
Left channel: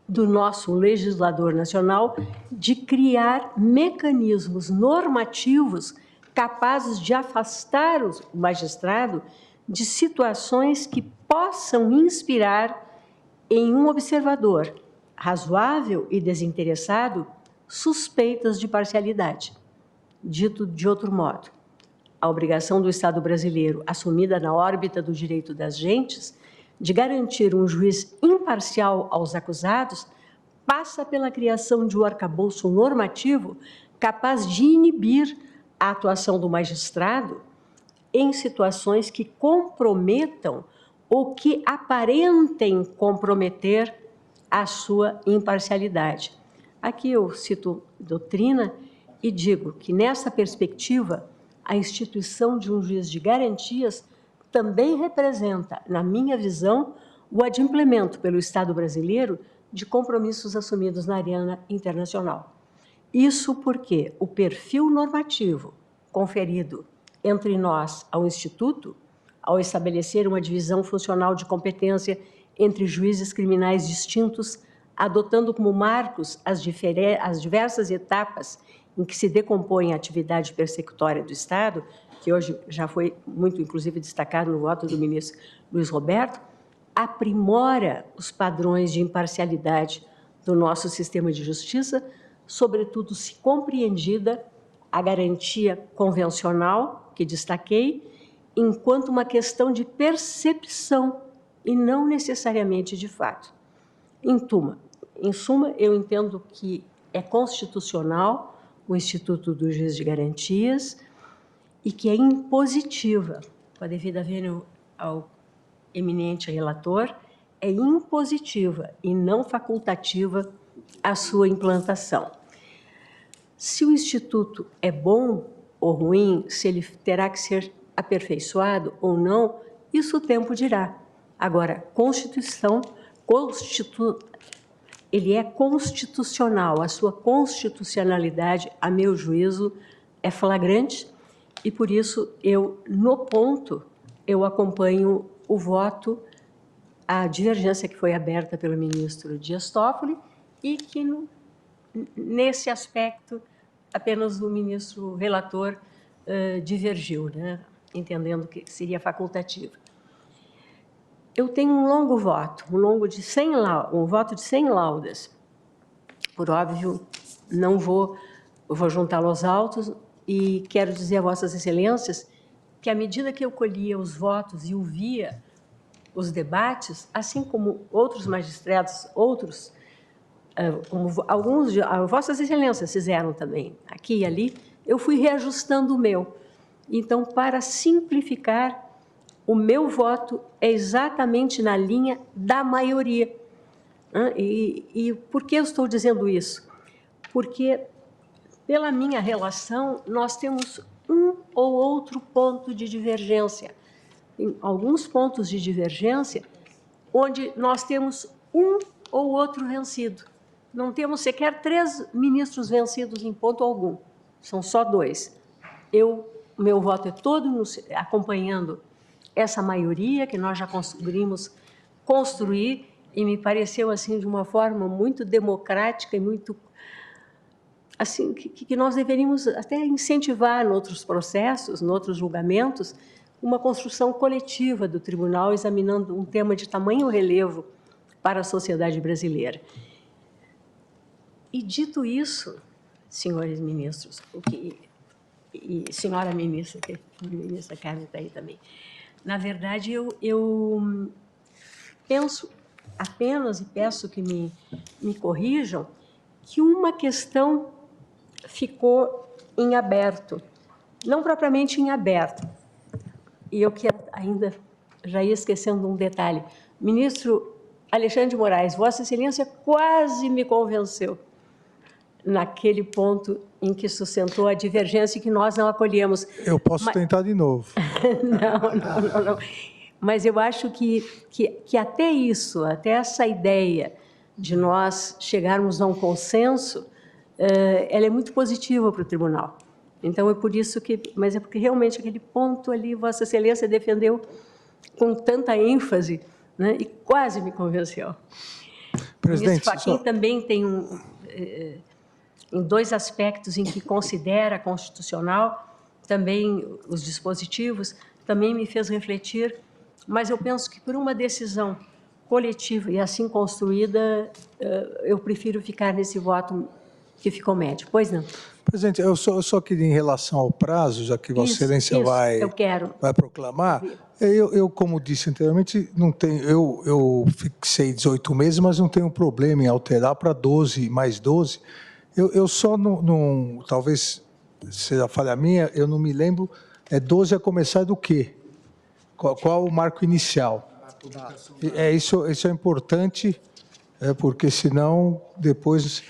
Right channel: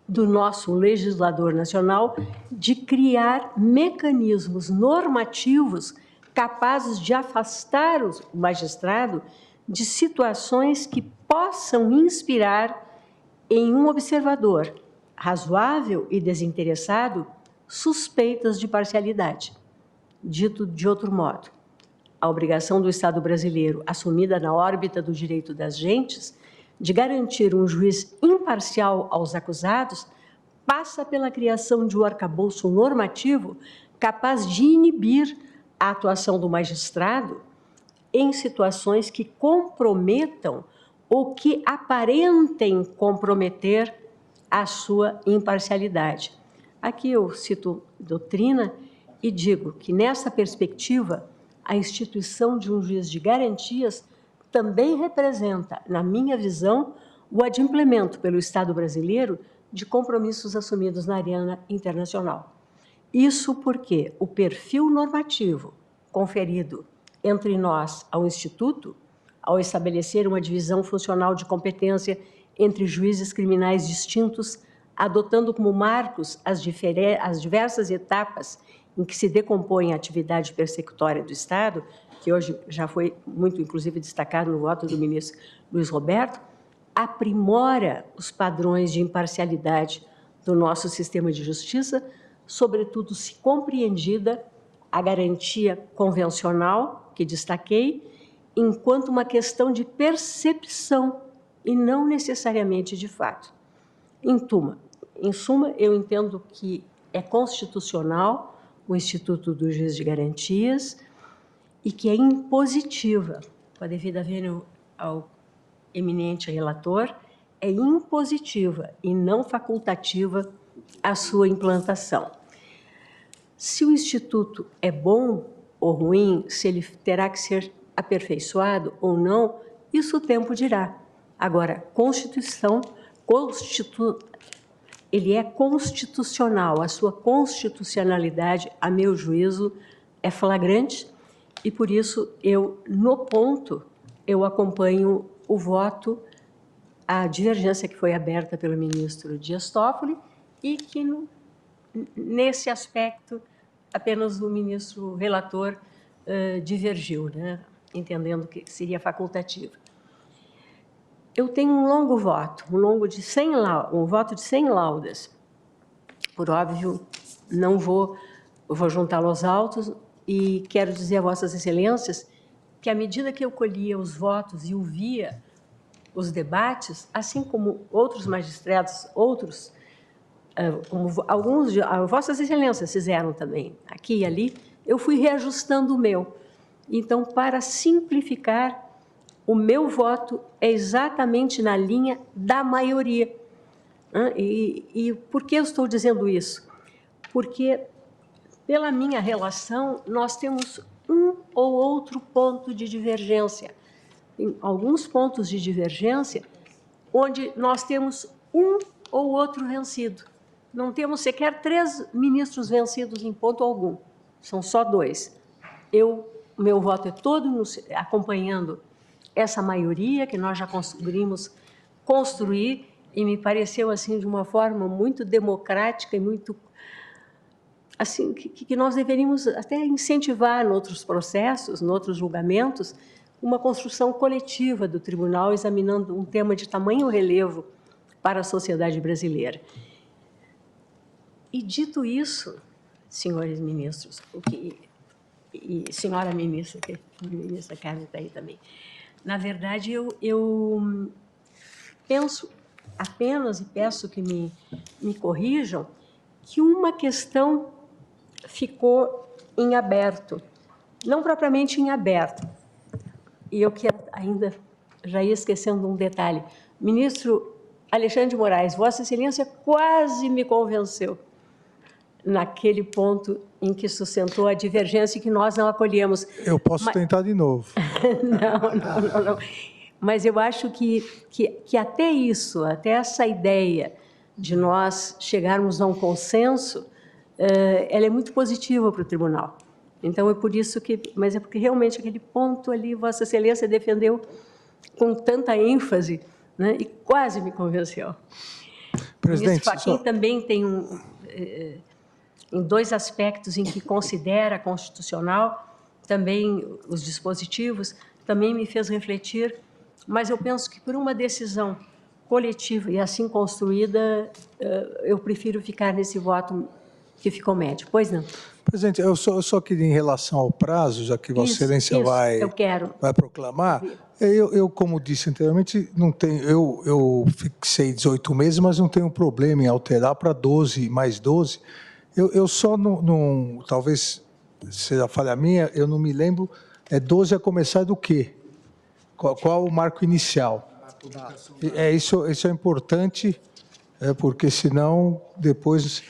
do nosso legislador nacional de criar mecanismos normativos capazes de afastar o magistrado de situações que possam inspirar em um observador razoável e desinteressado suspeitas de parcialidade. Dito de outro modo, a obrigação do Estado brasileiro, assumida na órbita do direito das gentes, de garantir um juiz imparcial aos acusados, passa pela criação de um arcabouço normativo capaz de inibir a atuação do magistrado em situações que comprometam ou que aparentem comprometer a sua imparcialidade. Aqui eu cito doutrina e digo que, nessa perspectiva, a instituição de um juiz de garantias também representa, na minha visão, o adimplemento pelo Estado brasileiro de compromissos assumidos na arena internacional. Isso porque o perfil normativo conferido entre nós ao Instituto, ao estabelecer uma divisão funcional de competência entre juízes criminais distintos, adotando como marcos as diversas etapas em que se decompõe a atividade persecutória do Estado, que hoje já foi muito, inclusive, destacado no voto do ministro Luiz Roberto, aprimora os padrões de imparcialidade do nosso sistema de justiça, sobretudo se compreendida a garantia convencional, que destaquei, enquanto uma questão de percepção e não necessariamente de fato. Em suma, eu entendo que é constitucional o Instituto do Juiz de Garantias e que é impositiva, com a devida vênia ao eminente relator, é impositiva e não facultativa a sua implantação. Se o Instituto é bom ou ruim, se ele terá que ser aperfeiçoado ou não, isso o tempo dirá. Agora, ele é constitucional, a sua constitucionalidade, a meu juízo, é flagrante e, por isso, no ponto, eu acompanho o voto, a divergência que foi aberta pelo ministro Dias Toffoli e que, nesse aspecto, apenas o ministro relator divergiu, né? Entendendo que seria facultativo. Eu tenho um longo voto, um voto de 100 laudas. Por óbvio, não vou juntá-lo aos autos e quero dizer a Vossas Excelências que, à medida que eu colhia os votos e ouvia os debates, assim como outros magistrados, como alguns de Vossas Excelências fizeram também, aqui e ali, eu fui reajustando o meu. Então, para simplificar, o meu voto é exatamente na linha da maioria. E por que eu estou dizendo isso? Porque, pela minha relação, nós temos um ou outro ponto de divergência. Em alguns pontos de divergência, onde nós temos um ou outro vencido. Não temos sequer 3 ministros vencidos em ponto algum. São só 2. Meu voto é todo acompanhando essa maioria que nós já conseguimos construir e me pareceu assim de uma forma muito democrática e muito assim que nós deveríamos até incentivar em outros processos, em outros julgamentos, uma construção coletiva do tribunal examinando um tema de tamanho relevo para a sociedade brasileira. E dito isso, senhores ministros, e senhora ministra, que a ministra Carmen está aí também, na verdade, eu penso apenas, e peço que me corrijam, que uma questão ficou em aberto, não propriamente em aberto. E eu quero ainda, já ia esquecendo um detalhe, ministro Alexandre de Moraes, Vossa Excelência quase me convenceu naquele ponto em que sustentou a divergência que nós não acolhemos. Eu posso tentar de novo. Não. Mas eu acho que até isso, até essa ideia de nós chegarmos a um consenso, ela é muito positiva para o tribunal. Então, é por isso que... Mas é porque realmente aquele ponto ali, Vossa Excelência defendeu com tanta ênfase, né, e quase me convenceu. Presidente, o ministro Fachin também tem em 2 aspectos em que considera constitucional, também os dispositivos, também me fez refletir, mas eu penso que por uma decisão coletiva e assim construída, eu prefiro ficar nesse voto que ficou médio. Pois não? Presidente, eu só queria, em relação ao prazo, já que Vossa Excelência vai proclamar, eu, como disse anteriormente, não tenho, eu fixei 18 meses, mas não tenho problema em alterar para 12 mais 12. Eu só não, talvez seja falha minha, eu não me lembro, 12 a começar do quê? Qual o marco inicial? Isso é importante, porque senão depois...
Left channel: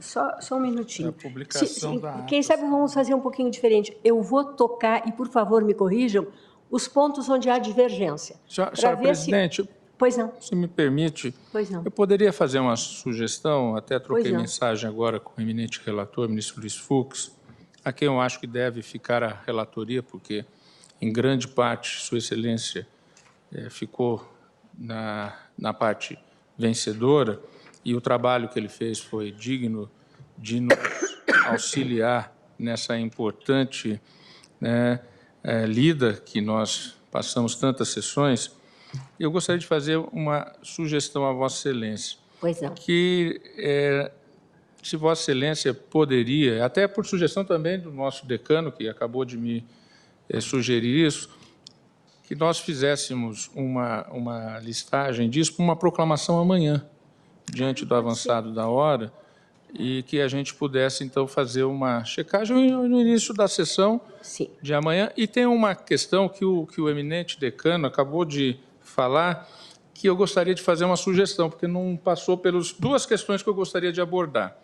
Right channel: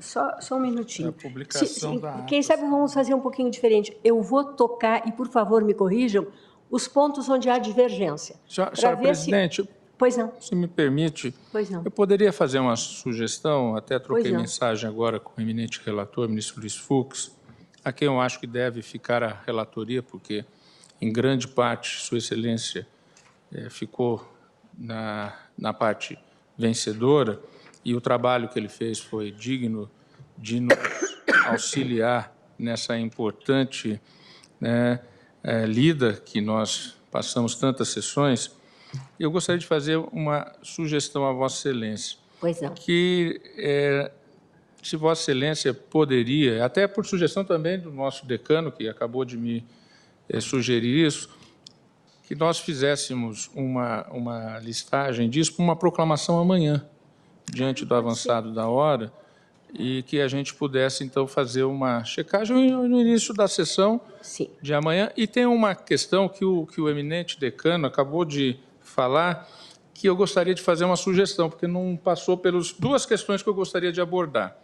Só um minutinho. A publicação da quem sabe vamos fazer um pouquinho diferente. Eu vou tocar, e por favor me corrijam, os pontos onde há divergência. Senhora presidente, pois não. Se me permite, pois não. Eu poderia fazer uma sugestão, até troquei mensagem agora com o eminente relator, ministro Luiz Fux, a quem eu acho que deve ficar a relatoria, porque em grande parte Sua Excelência ficou na parte vencedora, e o trabalho que ele fez foi digno de nos auxiliar nessa importante lida que nós passamos tantas sessões. Eu gostaria de fazer uma sugestão a Vossa Excelência. Pois não. Que, se Vossa Excelência poderia, até por sugestão também do nosso decano, que acabou de me sugerir isso, que nós fizéssemos uma listagem disso para uma proclamação amanhã, diante do avançado da hora, e que a gente pudesse, então, fazer uma checagem no início da sessão de amanhã. E tem uma questão que o eminente decano acabou de falar, que eu gostaria de fazer uma sugestão, porque não passou pelas 2 questões que eu gostaria de abordar.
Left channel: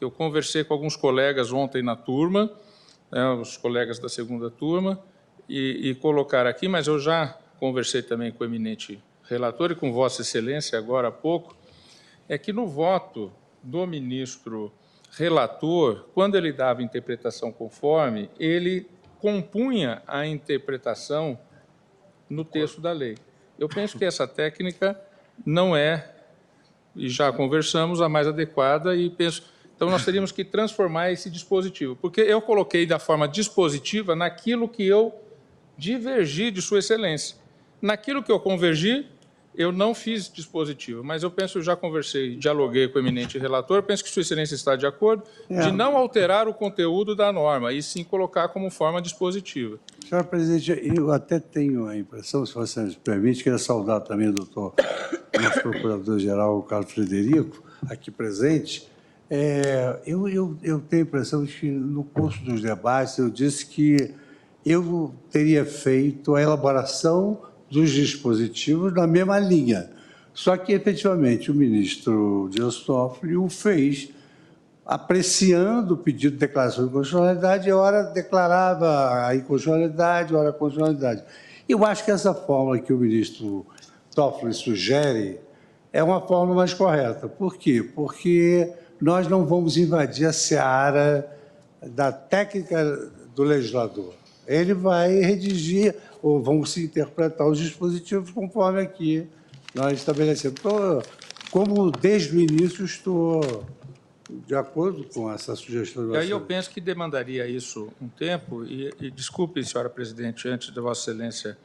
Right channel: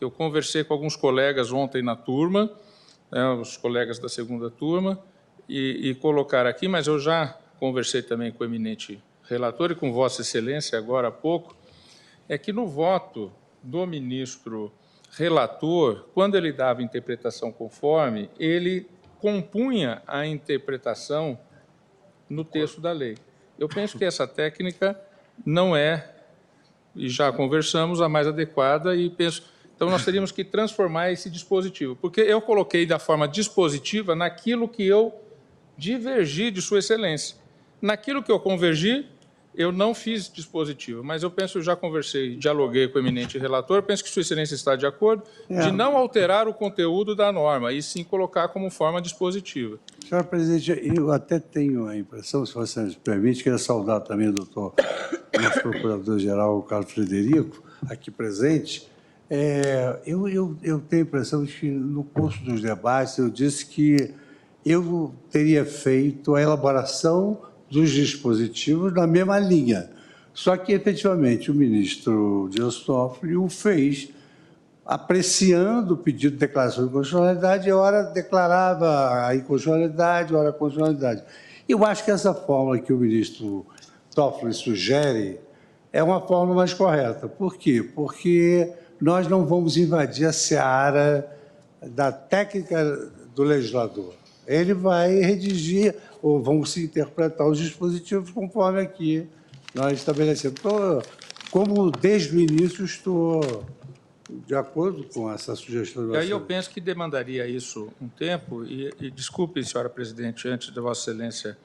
Eu conversei com alguns colegas ontem na turma, os colegas da 2ª turma, e colocar aqui, mas eu já conversei também com o eminente relator e com Vossa Excelência agora há pouco, é que no voto do ministro relator, quando ele dava interpretação conforme, ele compunha a interpretação no texto da lei. Eu penso que essa técnica não é, e já conversamos, a mais adequada, e penso... Então, nós teríamos que transformar esse dispositivo, porque eu coloquei da forma dispositiva naquilo que eu divergi de Sua Excelência. Naquilo que eu convergi, eu não fiz dispositivo, mas eu penso, eu já conversei, dialoguei com o eminente relator, penso que Sua Excelência está de acordo de não alterar o conteúdo da norma, e sim colocar como forma dispositiva. Senhor presidente, eu até tenho a impressão, se você me permite, queria saudar também o doutor, nosso procurador-geral, Carlos Frederico, aqui presente, Eu tenho a impressão de que, no curso dos debates, eu disse que eu teria feito a elaboração dos dispositivos na mesma linha. Só que, efetivamente, o ministro Dias Toffoli o fez apreciando o pedido de declaração de constitucionalidade, e ora declarava a inconstitucionalidade, ora a constitucionalidade. Eu acho que essa fórmula que o ministro Toffoli sugere é uma fórmula mais correta. Por quê? Porque nós não vamos invadir a seara da técnica do legislador. Ele vai redigir, ou vão se interpretar os dispositivos conforme aqui nós estabelecemos. Então, como desde o início estou de acordo com essa sugestão. E aí eu penso que demandaria isso um tempo, e desculpe, senhora presidente, antes de Vossa Excelência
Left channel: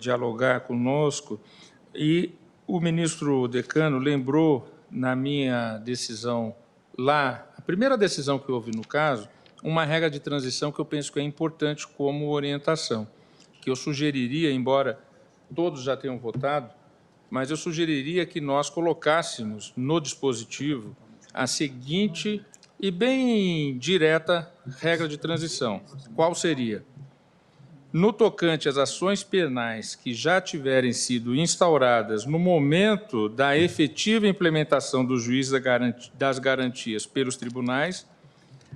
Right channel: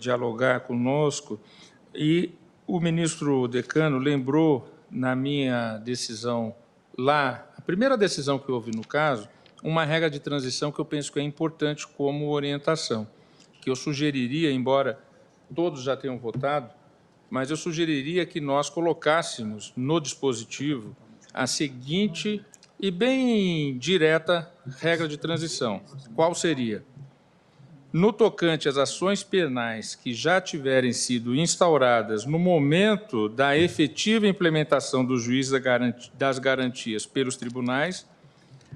dialogar conosco, e o ministro decano lembrou, na minha decisão lá, a primeira decisão que houve no caso, uma regra de transição que eu penso que é importante como orientação, que eu sugeriria, embora todos já tenham votado, mas eu sugeriria que nós colocássemos no dispositivo a seguinte e bem direta regra de transição. Qual seria? No tocante às ações penais que já tiverem sido instauradas no momento da efetiva implementação do juiz das garantias pelos tribunais,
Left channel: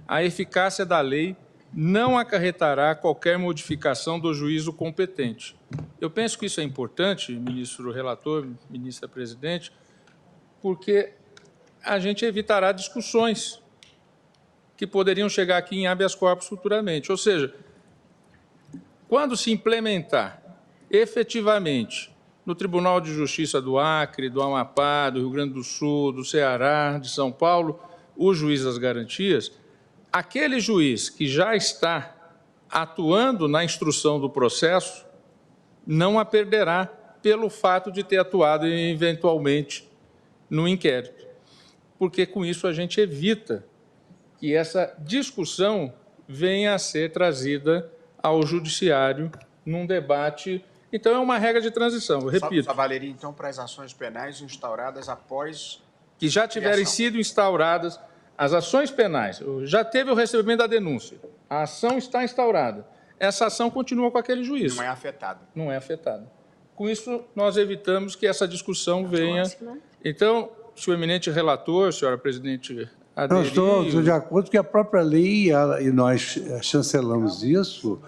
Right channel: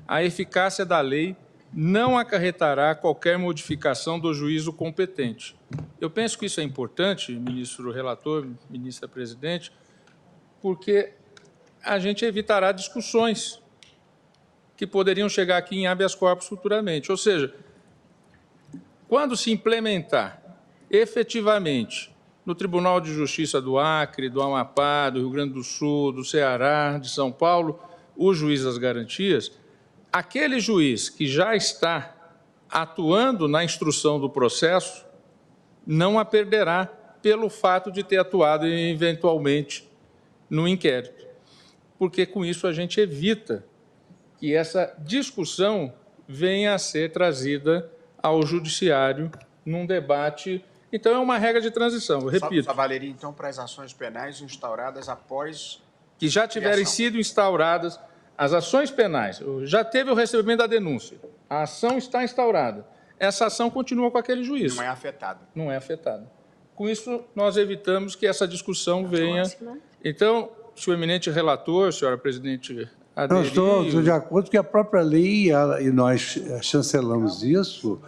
a eficácia da lei não acarretará qualquer modificação do juízo competente. Eu penso que isso é importante, ministro relator, ministra presidente, porque a gente evitará discussões que poderiam chegar aqui em habeas corpus futuramente. Ou seja, quando se implementar efetivamente no Tribunal de Justiça do Acre, do Amapá, do Rio Grande do Sul, do Ceará, de São Paulo, o juiz das garantias, aquele juiz que já está atuando na instrução do processo não a perderá pelo fato de ter atuado eventualmente no inquérito. Porque com isso a gente evita que essa discussão venha a ser trazida ao judiciário num debate. Então é uma regra de transição, eu repito. Só valeria então para as ações penais instauradas após que já tiverem sido instauradas. As ações penais, já teve o recebimento da denúncia, a ação está instaurada, essa ação continua com aquele juiz. Não é afetada. Não é afetada. Com isso, nós evitamos que essa discussão venha. Então, senhor eminente relator, senhora presidente Não, estou de acordo que a própria lei, e nós chancelamos isso,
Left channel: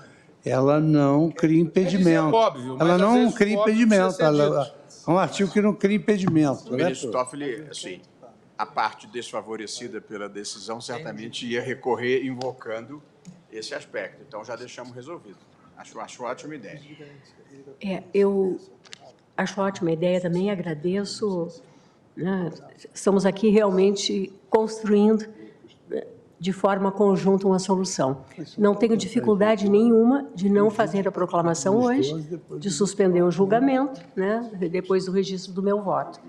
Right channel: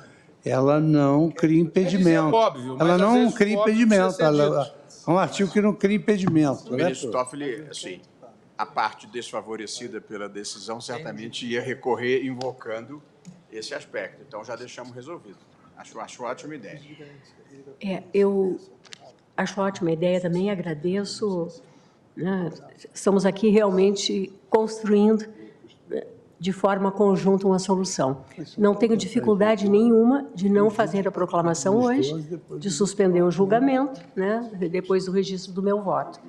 ela não cria impedimento. Óbvio, ela não cria impedimento. Ela, é um artigo que não cria impedimento. O ministro Toffoli, assim, a parte desfavorecida pela decisão certamente ia recorrer invocando esse aspecto. Então, já deixamos resolvido. Acho ótima ideia. Eu acho ótima ideia também, agradeço. Né? Estamos aqui realmente construindo de forma conjunta uma solução. Não tenho dificuldade nenhuma de não fazer a proclamação hoje, de suspender o julgamento, né? Depois do registro do meu voto,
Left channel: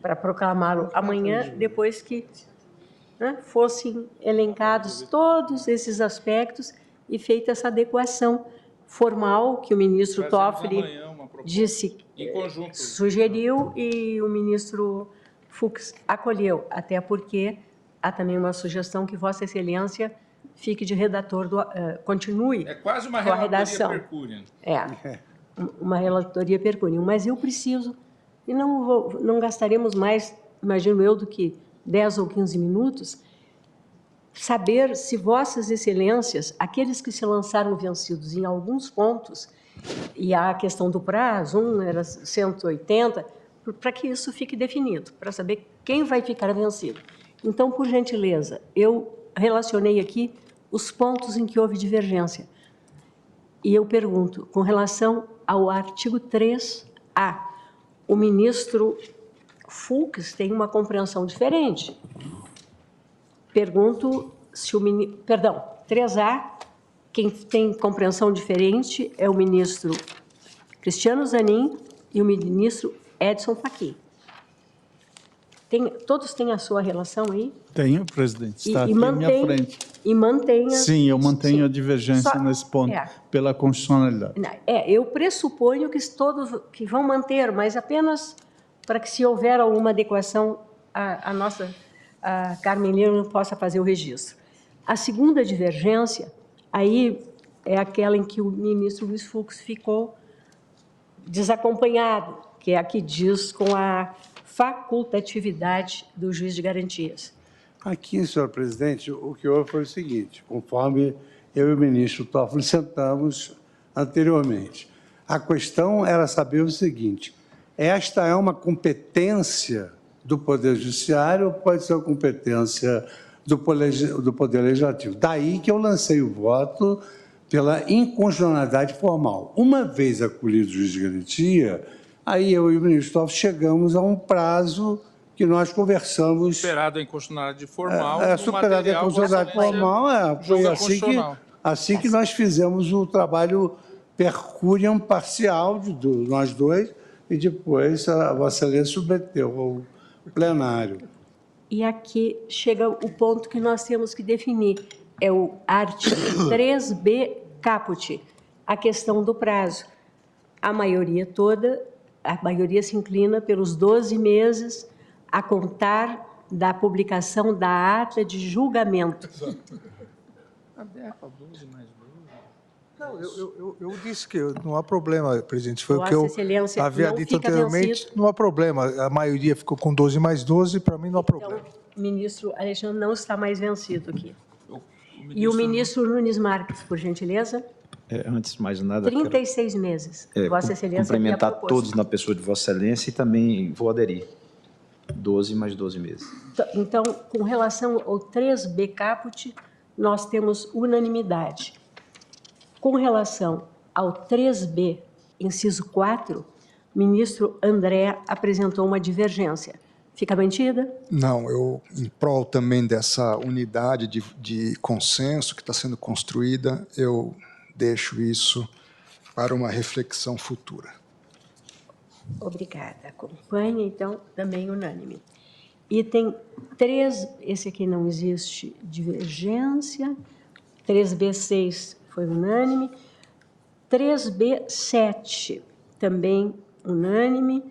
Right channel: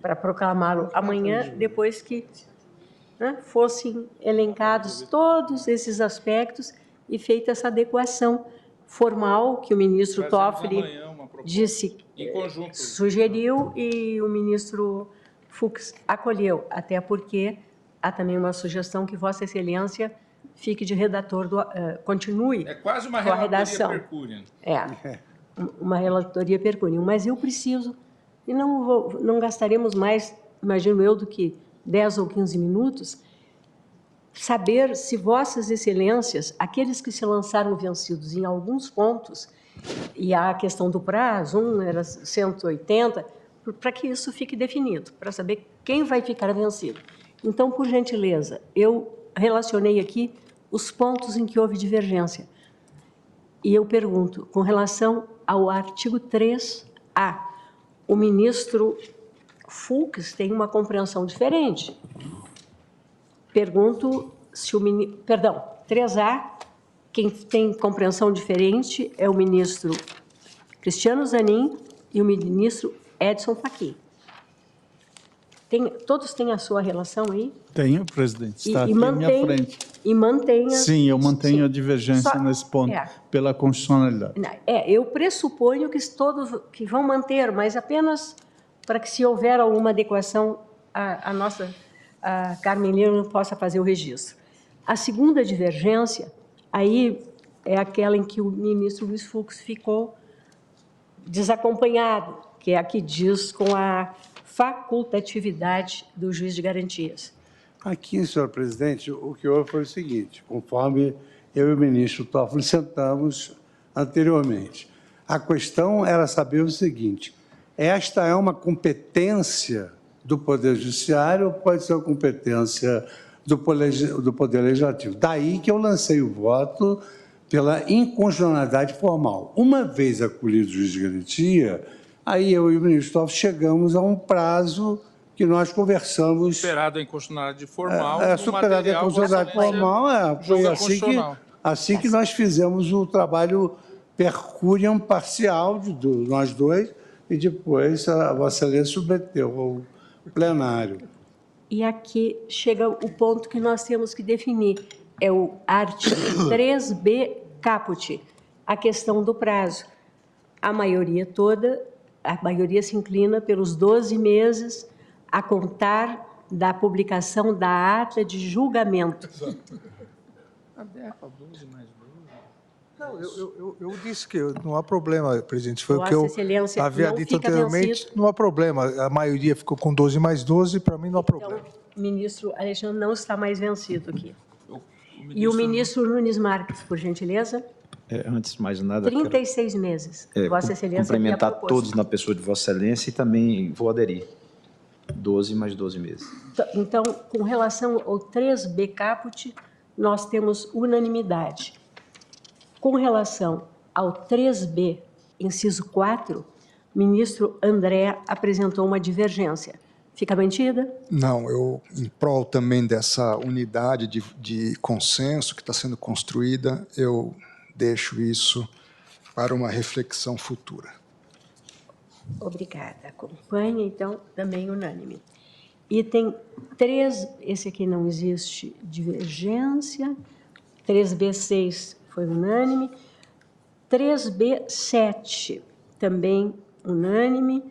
para proclamá-lo amanhã, depois que, né, fossem elencados todos esses aspectos e feita essa adequação formal que o ministro Toffoli disse, sugeriu, e o ministro Fux acolheu, até porque há também uma sugestão que Vossa Excelência fique de redator, continue quase uma com a redação. Percúria. Uma relatoria percúria. Mas eu preciso, e não gastaremos mais, imagino eu, do que 10 ou 15 minutos, saber se Vossas Excelências, aqueles que se lançaram vencidos em alguns pontos, e há a questão do prazo, era 180, para que isso fique definido, para saber quem vai ficar vencido. Então, por gentileza, eu relacionei aqui os pontos em que houve divergência. E eu pergunto, com relação ao artigo 3A, o ministro Fux tem uma compreensão diferente. Pergunto se o ministro... Perdão, 3A, quem tem compreensão diferente é o ministro Cristiano Zanin e o ministro Edson Fachin. Todos têm a sua relação aí? Tenho, presidente. Está aqui à minha frente. E mantenha... Sim, eu mantenho a divergência nesse ponto, pela constitucionalidade. Eu pressuponho que todos que vão manter, mas apenas para que, se houver alguma adequação à nossa a Carmen Lima possa fazer o registro. A segunda divergência, aí é aquela em que o ministro Luiz Fux ficou desacompanhado, que é a que diz com a facultatividade do juiz de garantias. Aqui, senhor presidente, o que houve foi o seguinte, conforme eu e o ministro Toffoli sentamos anteriormente. A questão era saber o seguinte, esta é uma competência do Poder Judiciário ou pode ser uma competência do Poder Legislativo? Daí que eu lancei o voto pela inconstitucionalidade formal. Uma vez acolhido o juiz de garantia, aí eu e o ministro Toffoli chegamos a um prazo que nós conversamos... Superado a inconstitucionalidade formal. Superado a inconstitucionalidade formal, foi assim que nós fizemos o trabalho per curiam parcial de nós dois, e depois a Vossa Excelência submeteu ao plenário. E aqui chega o ponto que nós temos que definir, é o artigo 3b caput, a questão do prazo. A maioria se inclina pelos 12 meses a contar da publicação da ata de julgamento. Não, eu disse que não há problema, presidente. Foi Vossa o que Excelência eu havia não dito fica anteriormente. vencido. Não há problema. A maioria ficou com 12 mais 12, para mim não há problema. Então, o ministro Alexandre não está mais vencido aqui. E o ministro Nunes Marques, por gentileza? Antes de mais nada, 36 meses. quero, Vossa Excelência cumprimentar havia proposto. todos na pessoa de Vossa Excelência e também vou aderir. 12 mais 12 meses. Então, com relação ao 3b caput, nós temos unanimidade. Com relação ao 3b, inciso 4, o ministro André apresentou uma divergência. Fica mantida? Não, eu, em prol também dessa unidade de consenso que está sendo construída, eu deixo isso para uma reflexão futura. Obrigada. Acompanhe, então, também unânime. Item 3, esse aqui não existe divergência. 3b6 foi unânime. 3b7 também unânime.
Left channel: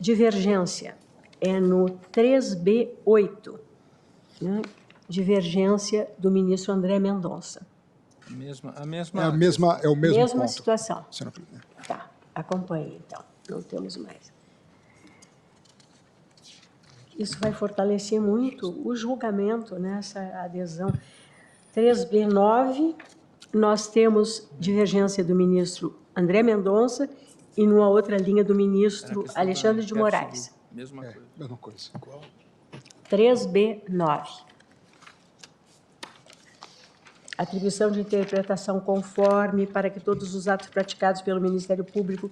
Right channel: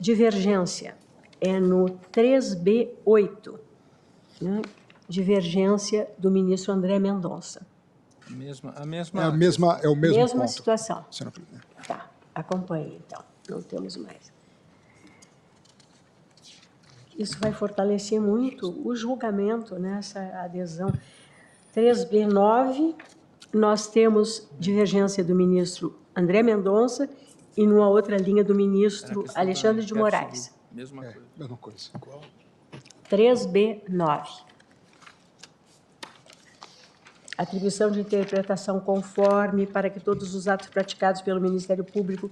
Divergência é no 3b8, né? Divergência do ministro André Mendonça. É o mesmo Mesma ponto, situação. senhora presidente. Tá, acompanhe, então. Não temos mais. Isso vai fortalecer muito o julgamento nessa adesão. 3b9, nós temos divergência do ministro André Mendonça e numa outra linha do ministro Alexandre de Moraes. Mesma coisa. Mesma coisa. 3b9. Atribuição de interpretação conforme para que todos os atos praticados pelo Ministério Público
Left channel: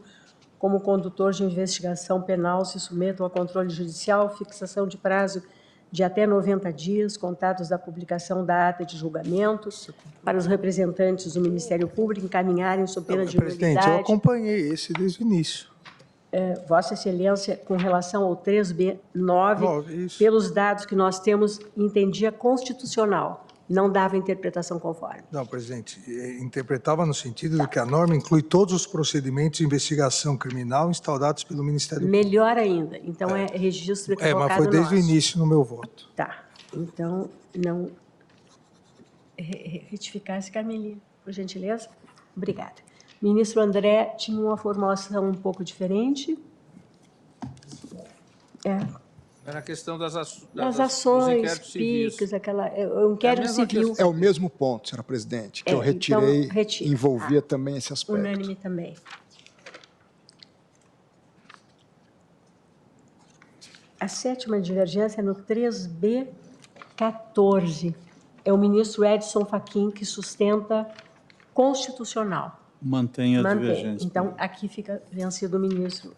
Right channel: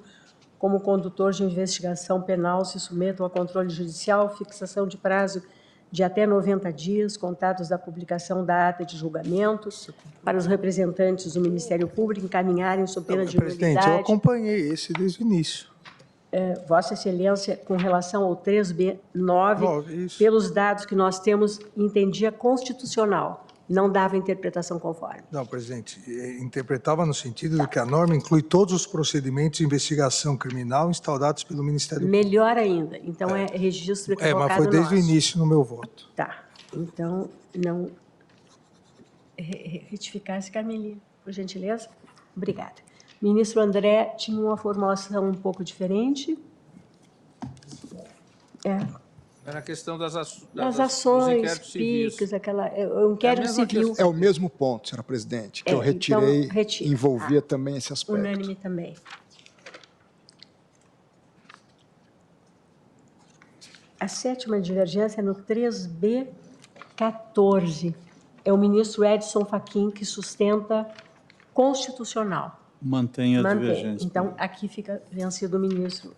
como condutor de investigação penal se submetam a controle judicial, fixação de prazo de até 90 dias, contados da publicação da ata de julgamento, para os representantes do Ministério Público encaminharem sob pena de Presidente, eu nulidade. acompanhei esse desde o início. Vossa Excelência, com relação ao 3b9, Isso. pelos dados que nós temos, entendia constitucional, não dava interpretação conforme. Não, presidente, interpretava no sentido de que a norma inclui todos os procedimentos de investigação criminal instaurados pelo Ministério Público. Melhor ainda, então é registro equivocado Mas foi desde o nosso. início no meu voto. Tá, então, não... Retificar-se, Carmelinha, por gentileza. Obrigada. Ministro André tinha uma formulação um pouco diferente. Era a questão das Das ações, PICs, o inquérito civil. É o mesmo ponto, senhora presidente, que eu então, retirei, retira. envolvia também esse aspecto. Unânime também. A sétima divergência é no 3b14. É o ministro Edson Fachin que sustenta constitucional. Mantém a divergência. Então, aqui ficará vencido o ministro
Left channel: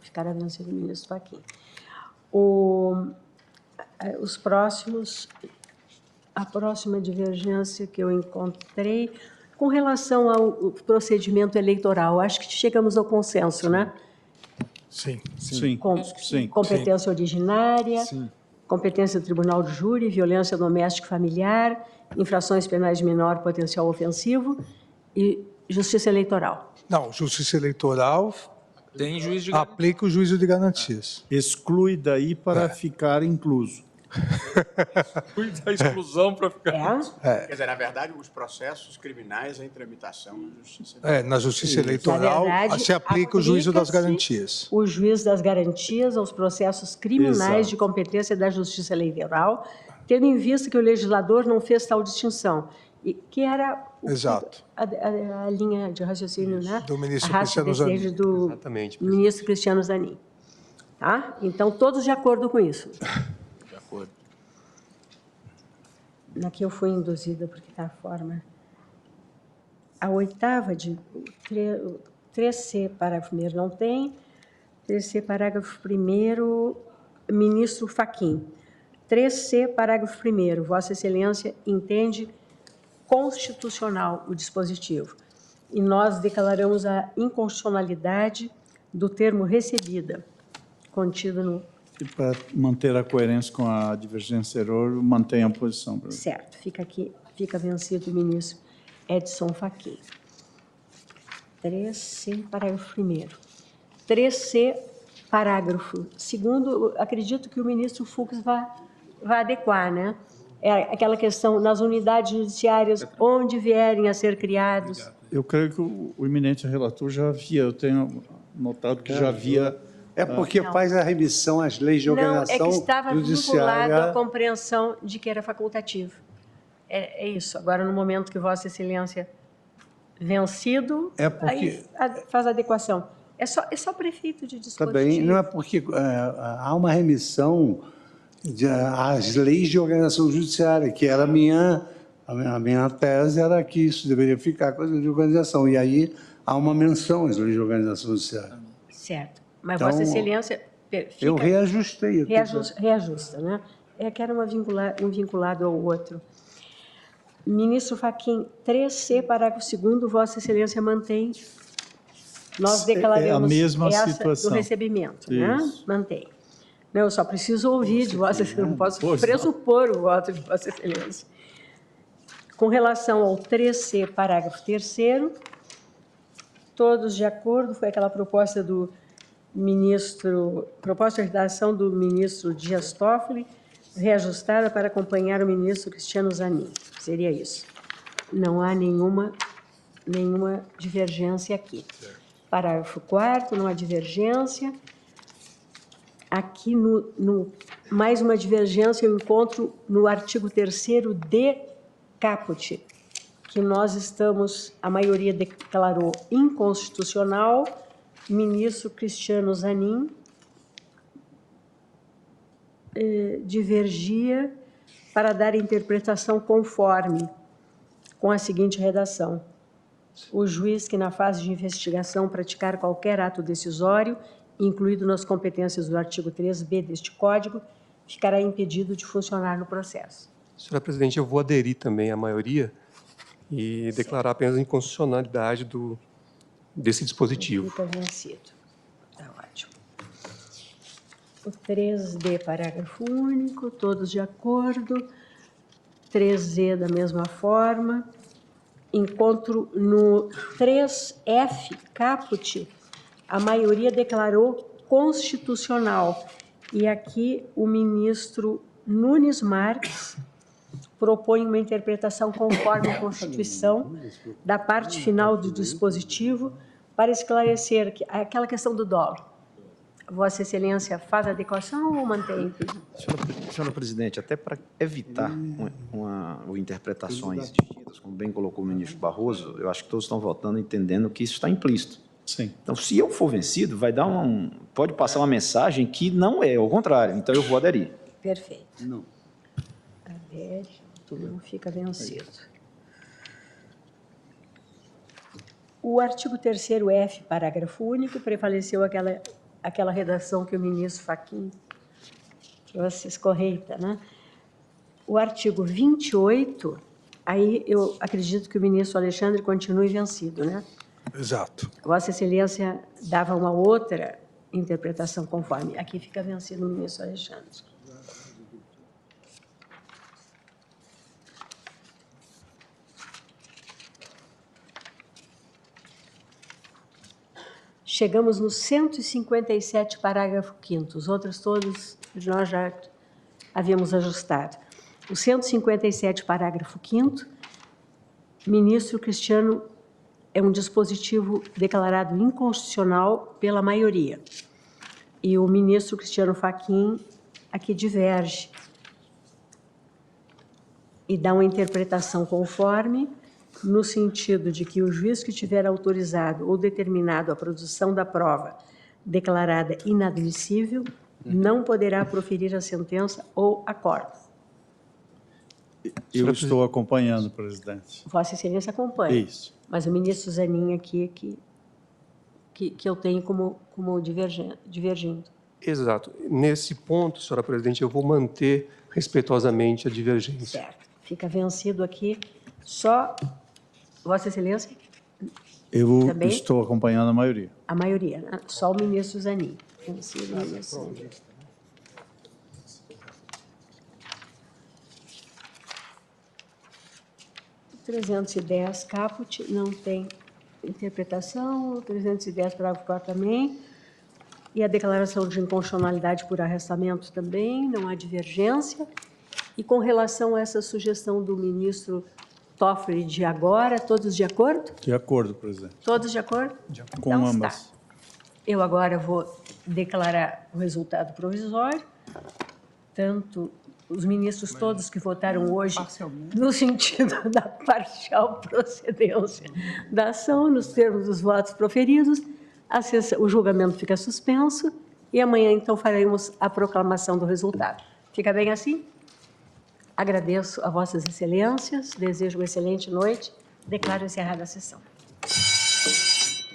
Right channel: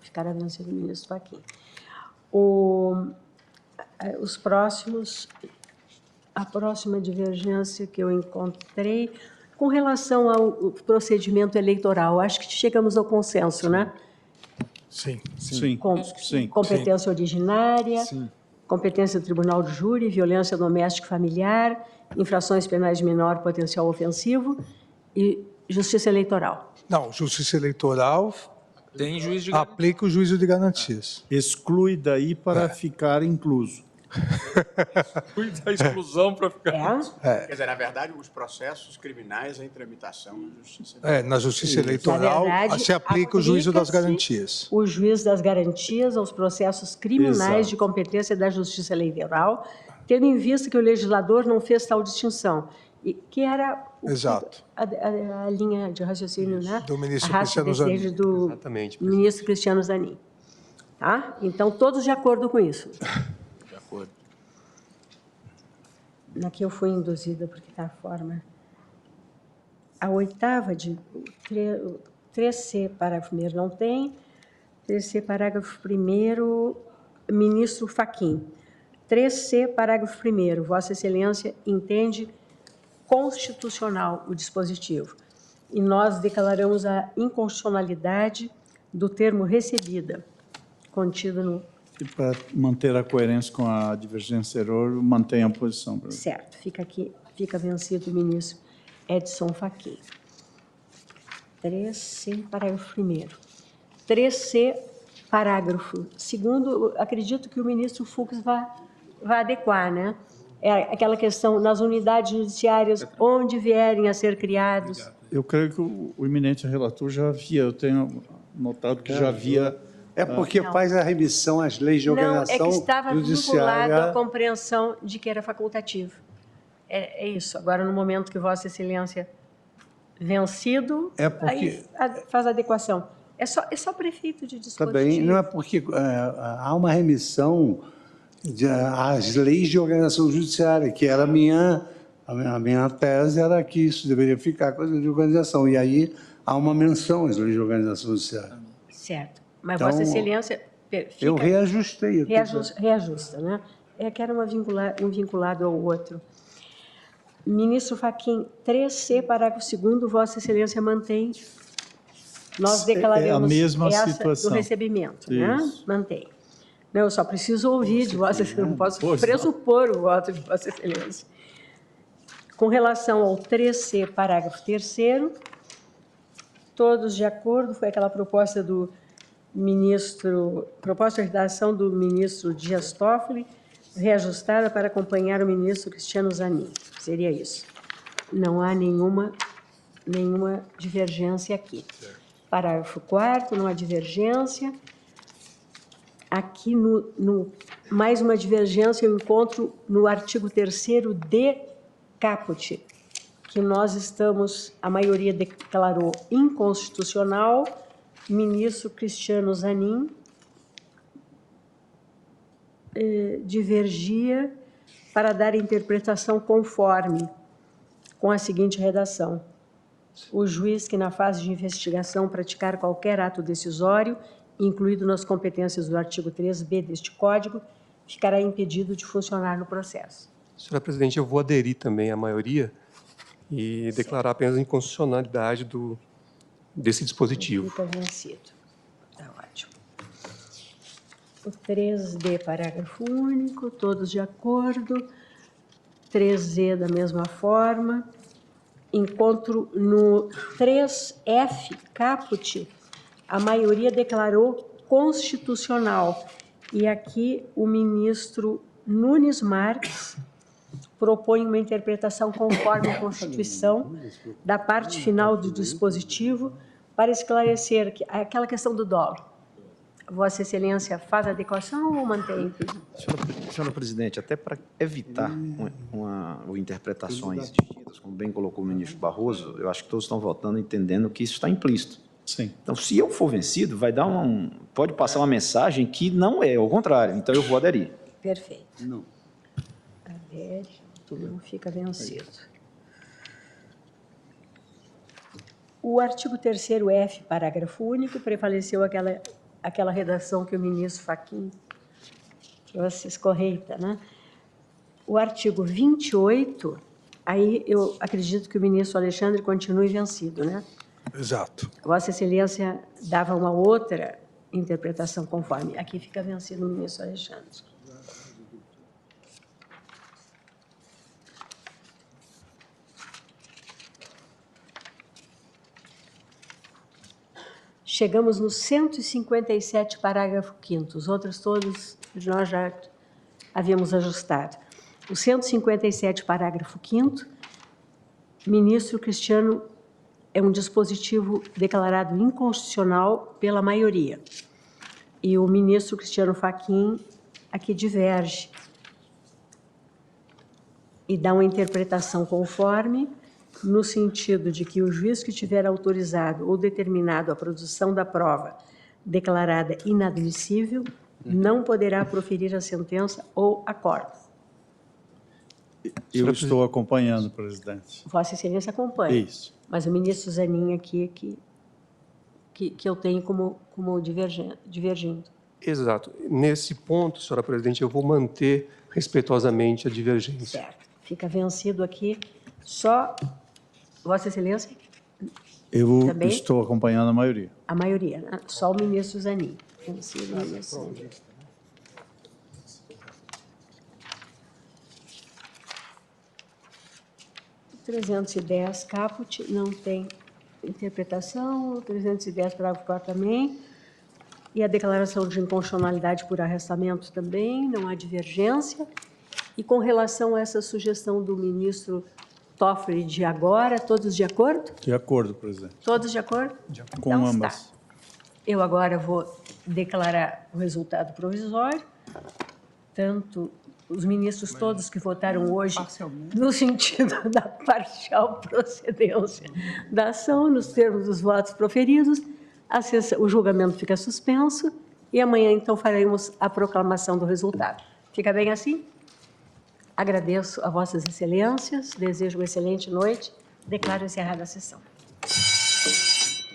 Fachin. Os próximos, a próxima divergência que eu encontrei, com relação ao procedimento eleitoral, acho que chegamos ao consenso, né? Sim. Sim. Competência originária, Sim. competência do Tribunal de Júri, violência doméstica e familiar, infrações penais de menor potencial ofensivo e justiça eleitoral. Não, justiça eleitoral Tem juiz de aplica o juízo de garantias. Exclui daí para ficar incluso. Muita exclusão para ficar... Quer dizer, na verdade, os processos criminais em tramitação na Justiça. Na Justiça Eleitoral, verdade, se aplica o juízo das aplica-se garantias. O juízo das garantias aos processos criminais Exato. de competência da Justiça Eleitoral, tendo em vista que o legislador não fez tal distinção, e que era Exato. a linha de raciocínio, né? Do ministro a raça Cristiano Zanin. desejo do Exatamente, ministro Cristiano Zanin. Tá? Então, todos de acordo com isso. De acordo. Aqui eu fui induzida, porque está a forma. A oitava de 3C, parágrafo 1º, não tem. 3C, parágrafo 1º, ministro Fachin. 3C, parágrafo 1º, Vossa Excelência entende constitucional o dispositivo. E nós declaramos a inconstitucionalidade do termo recebida, contido no... E para manter a coerência com a divergência error, mantém a posição. Certo, fica aqui, fica vencido o ministro Edson Fachin. 3C, parágrafo 1º. 3C, parágrafo 2º, acredito que o ministro Fux vai adequar, né? É aquela questão, nas unidades judiciárias, onde vierem a ser criados. Eu creio que o eminente relator já havia, eu tenho notado que já havia... É porque faz a remissão às leis de Não, é organização que estava vinculado à judiciária. compreensão de que era facultativo. É isso. Agora, no momento que Vossa Excelência vencido, É porque- aí faz a adequação. É só prefeito de dispositivo. Também, não é porque há uma remissão às leis de organização judiciária, que era a minha tese, era que isso deveria ficar com as leis de organização. E aí há uma menção às leis de organização judiciária. Certo. Mas Então, Vossa Excelência... Eu reajustei. Reajusta, né? É que era um vinculado ao outro. Ministro Fachin, 3C, parágrafo 2º, Vossa Excelência mantém. Nós declaramos a mesma essa situação. do recebimento, né? Isso. Mantém. Não, eu só preciso ouvir de Vossa Excelência, não posso pressupor o voto de Vossa Excelência. Com relação ao 3C, parágrafo 3º, todos de acordo, foi aquela proposta do proposta de redação do ministro Dias Toffoli, reajustada para acompanhar o ministro Cristiano Zanin. Seria isso. Não há nenhuma divergência aqui. Parágrafo 4º, não há divergência. Aqui, mais uma divergência, eu encontro no artigo 3º de caput, que nós estamos, a maioria declarou inconstitucional, ministro Cristiano Zanin divergia para dar interpretação conforme, com a seguinte redação: o juiz que na fase de investigação praticar qualquer ato decisório, incluído nas competências do artigo 3b deste Código, ficará impedido de funcionar no processo. Senhora Presidente, eu vou aderir também à maioria e declarar apenas a inconstitucionalidade desse dispositivo. Fica vencido. Está ótimo. O 3D, parágrafo único, todos de acordo. 3Z, da mesma forma. Encontro no 3F, caput, a maioria declarou constitucional. E aqui o ministro Nunes Marques propõe uma interpretação conforme a Constituição da parte final do dispositivo para esclarecer aquela questão do dolo. Vossa Excelência faz adequação ou mantém? Senhora Presidente, até para evitar interpretações distintas, como bem colocou o ministro Barroso, eu acho que todos estão votando entendendo que isso está implícito. Sim. Então, se eu for vencido, pode passar uma mensagem que não é, ao contrário. Então, eu vou aderir. Perfeito. Não. Adere, tudo não fica vencido. O artigo 3º-F, parágrafo único, prevaleceu aquela redação que o ministro Fachin trouxe escorreita, né? O artigo 28, aí eu acredito que o ministro Alexandre continue vencido, né? Exato. Vossa Excelência dava uma outra interpretação conforme. Aqui fica vencido o ministro Alexandre. Chegamos no 157, parágrafo 5º. Os outros todos nós já havíamos ajustado. O 157, parágrafo 5º, ministro Cristiano, é um dispositivo declarado inconstitucional pela maioria. E o ministro Cristiano Fachin aqui diverge e dá uma interpretação conforme, no sentido de que o juiz que tiver autorizado ou determinado a produção da prova declarada inadmissível não poderá proferir a sentença ou acordo. Eu estou acompanhando, presidente. Vossa Excelência acompanha. Isso. Mas o ministro Zanin aqui que eu tenho como divergindo. Exato. Nesse ponto, senhora presidente, eu vou manter respeitosamente a divergência. Certo. Fica vencido aqui só Vossa Excelência? Eu Também? estou acompanhando a maioria. A maioria, né? Só o ministro Zanin. Vencido o ministro Zanin. O 310, caput, não tem interpretação. O 310, parágrafo 4 também. E a declaração de inconstitucionalidade por arrestamento também, não há divergência. E com relação a essa sugestão do ministro Toffoli de agora, todos de acordo? De acordo, presidente. Todos de acordo? Com Então ambas. está. Eu agora vou declarar o resultado provisório. Tanto os ministros todos que votaram hoje no sentido da parcial procedência da ação, nos termos dos votos proferidos, o julgamento fica suspenso e amanhã, então, faremos a proclamação do resultado. Fica bem assim? Agradeço a Vossas Excelências, desejo uma excelente noite, declaro encerrada a sessão.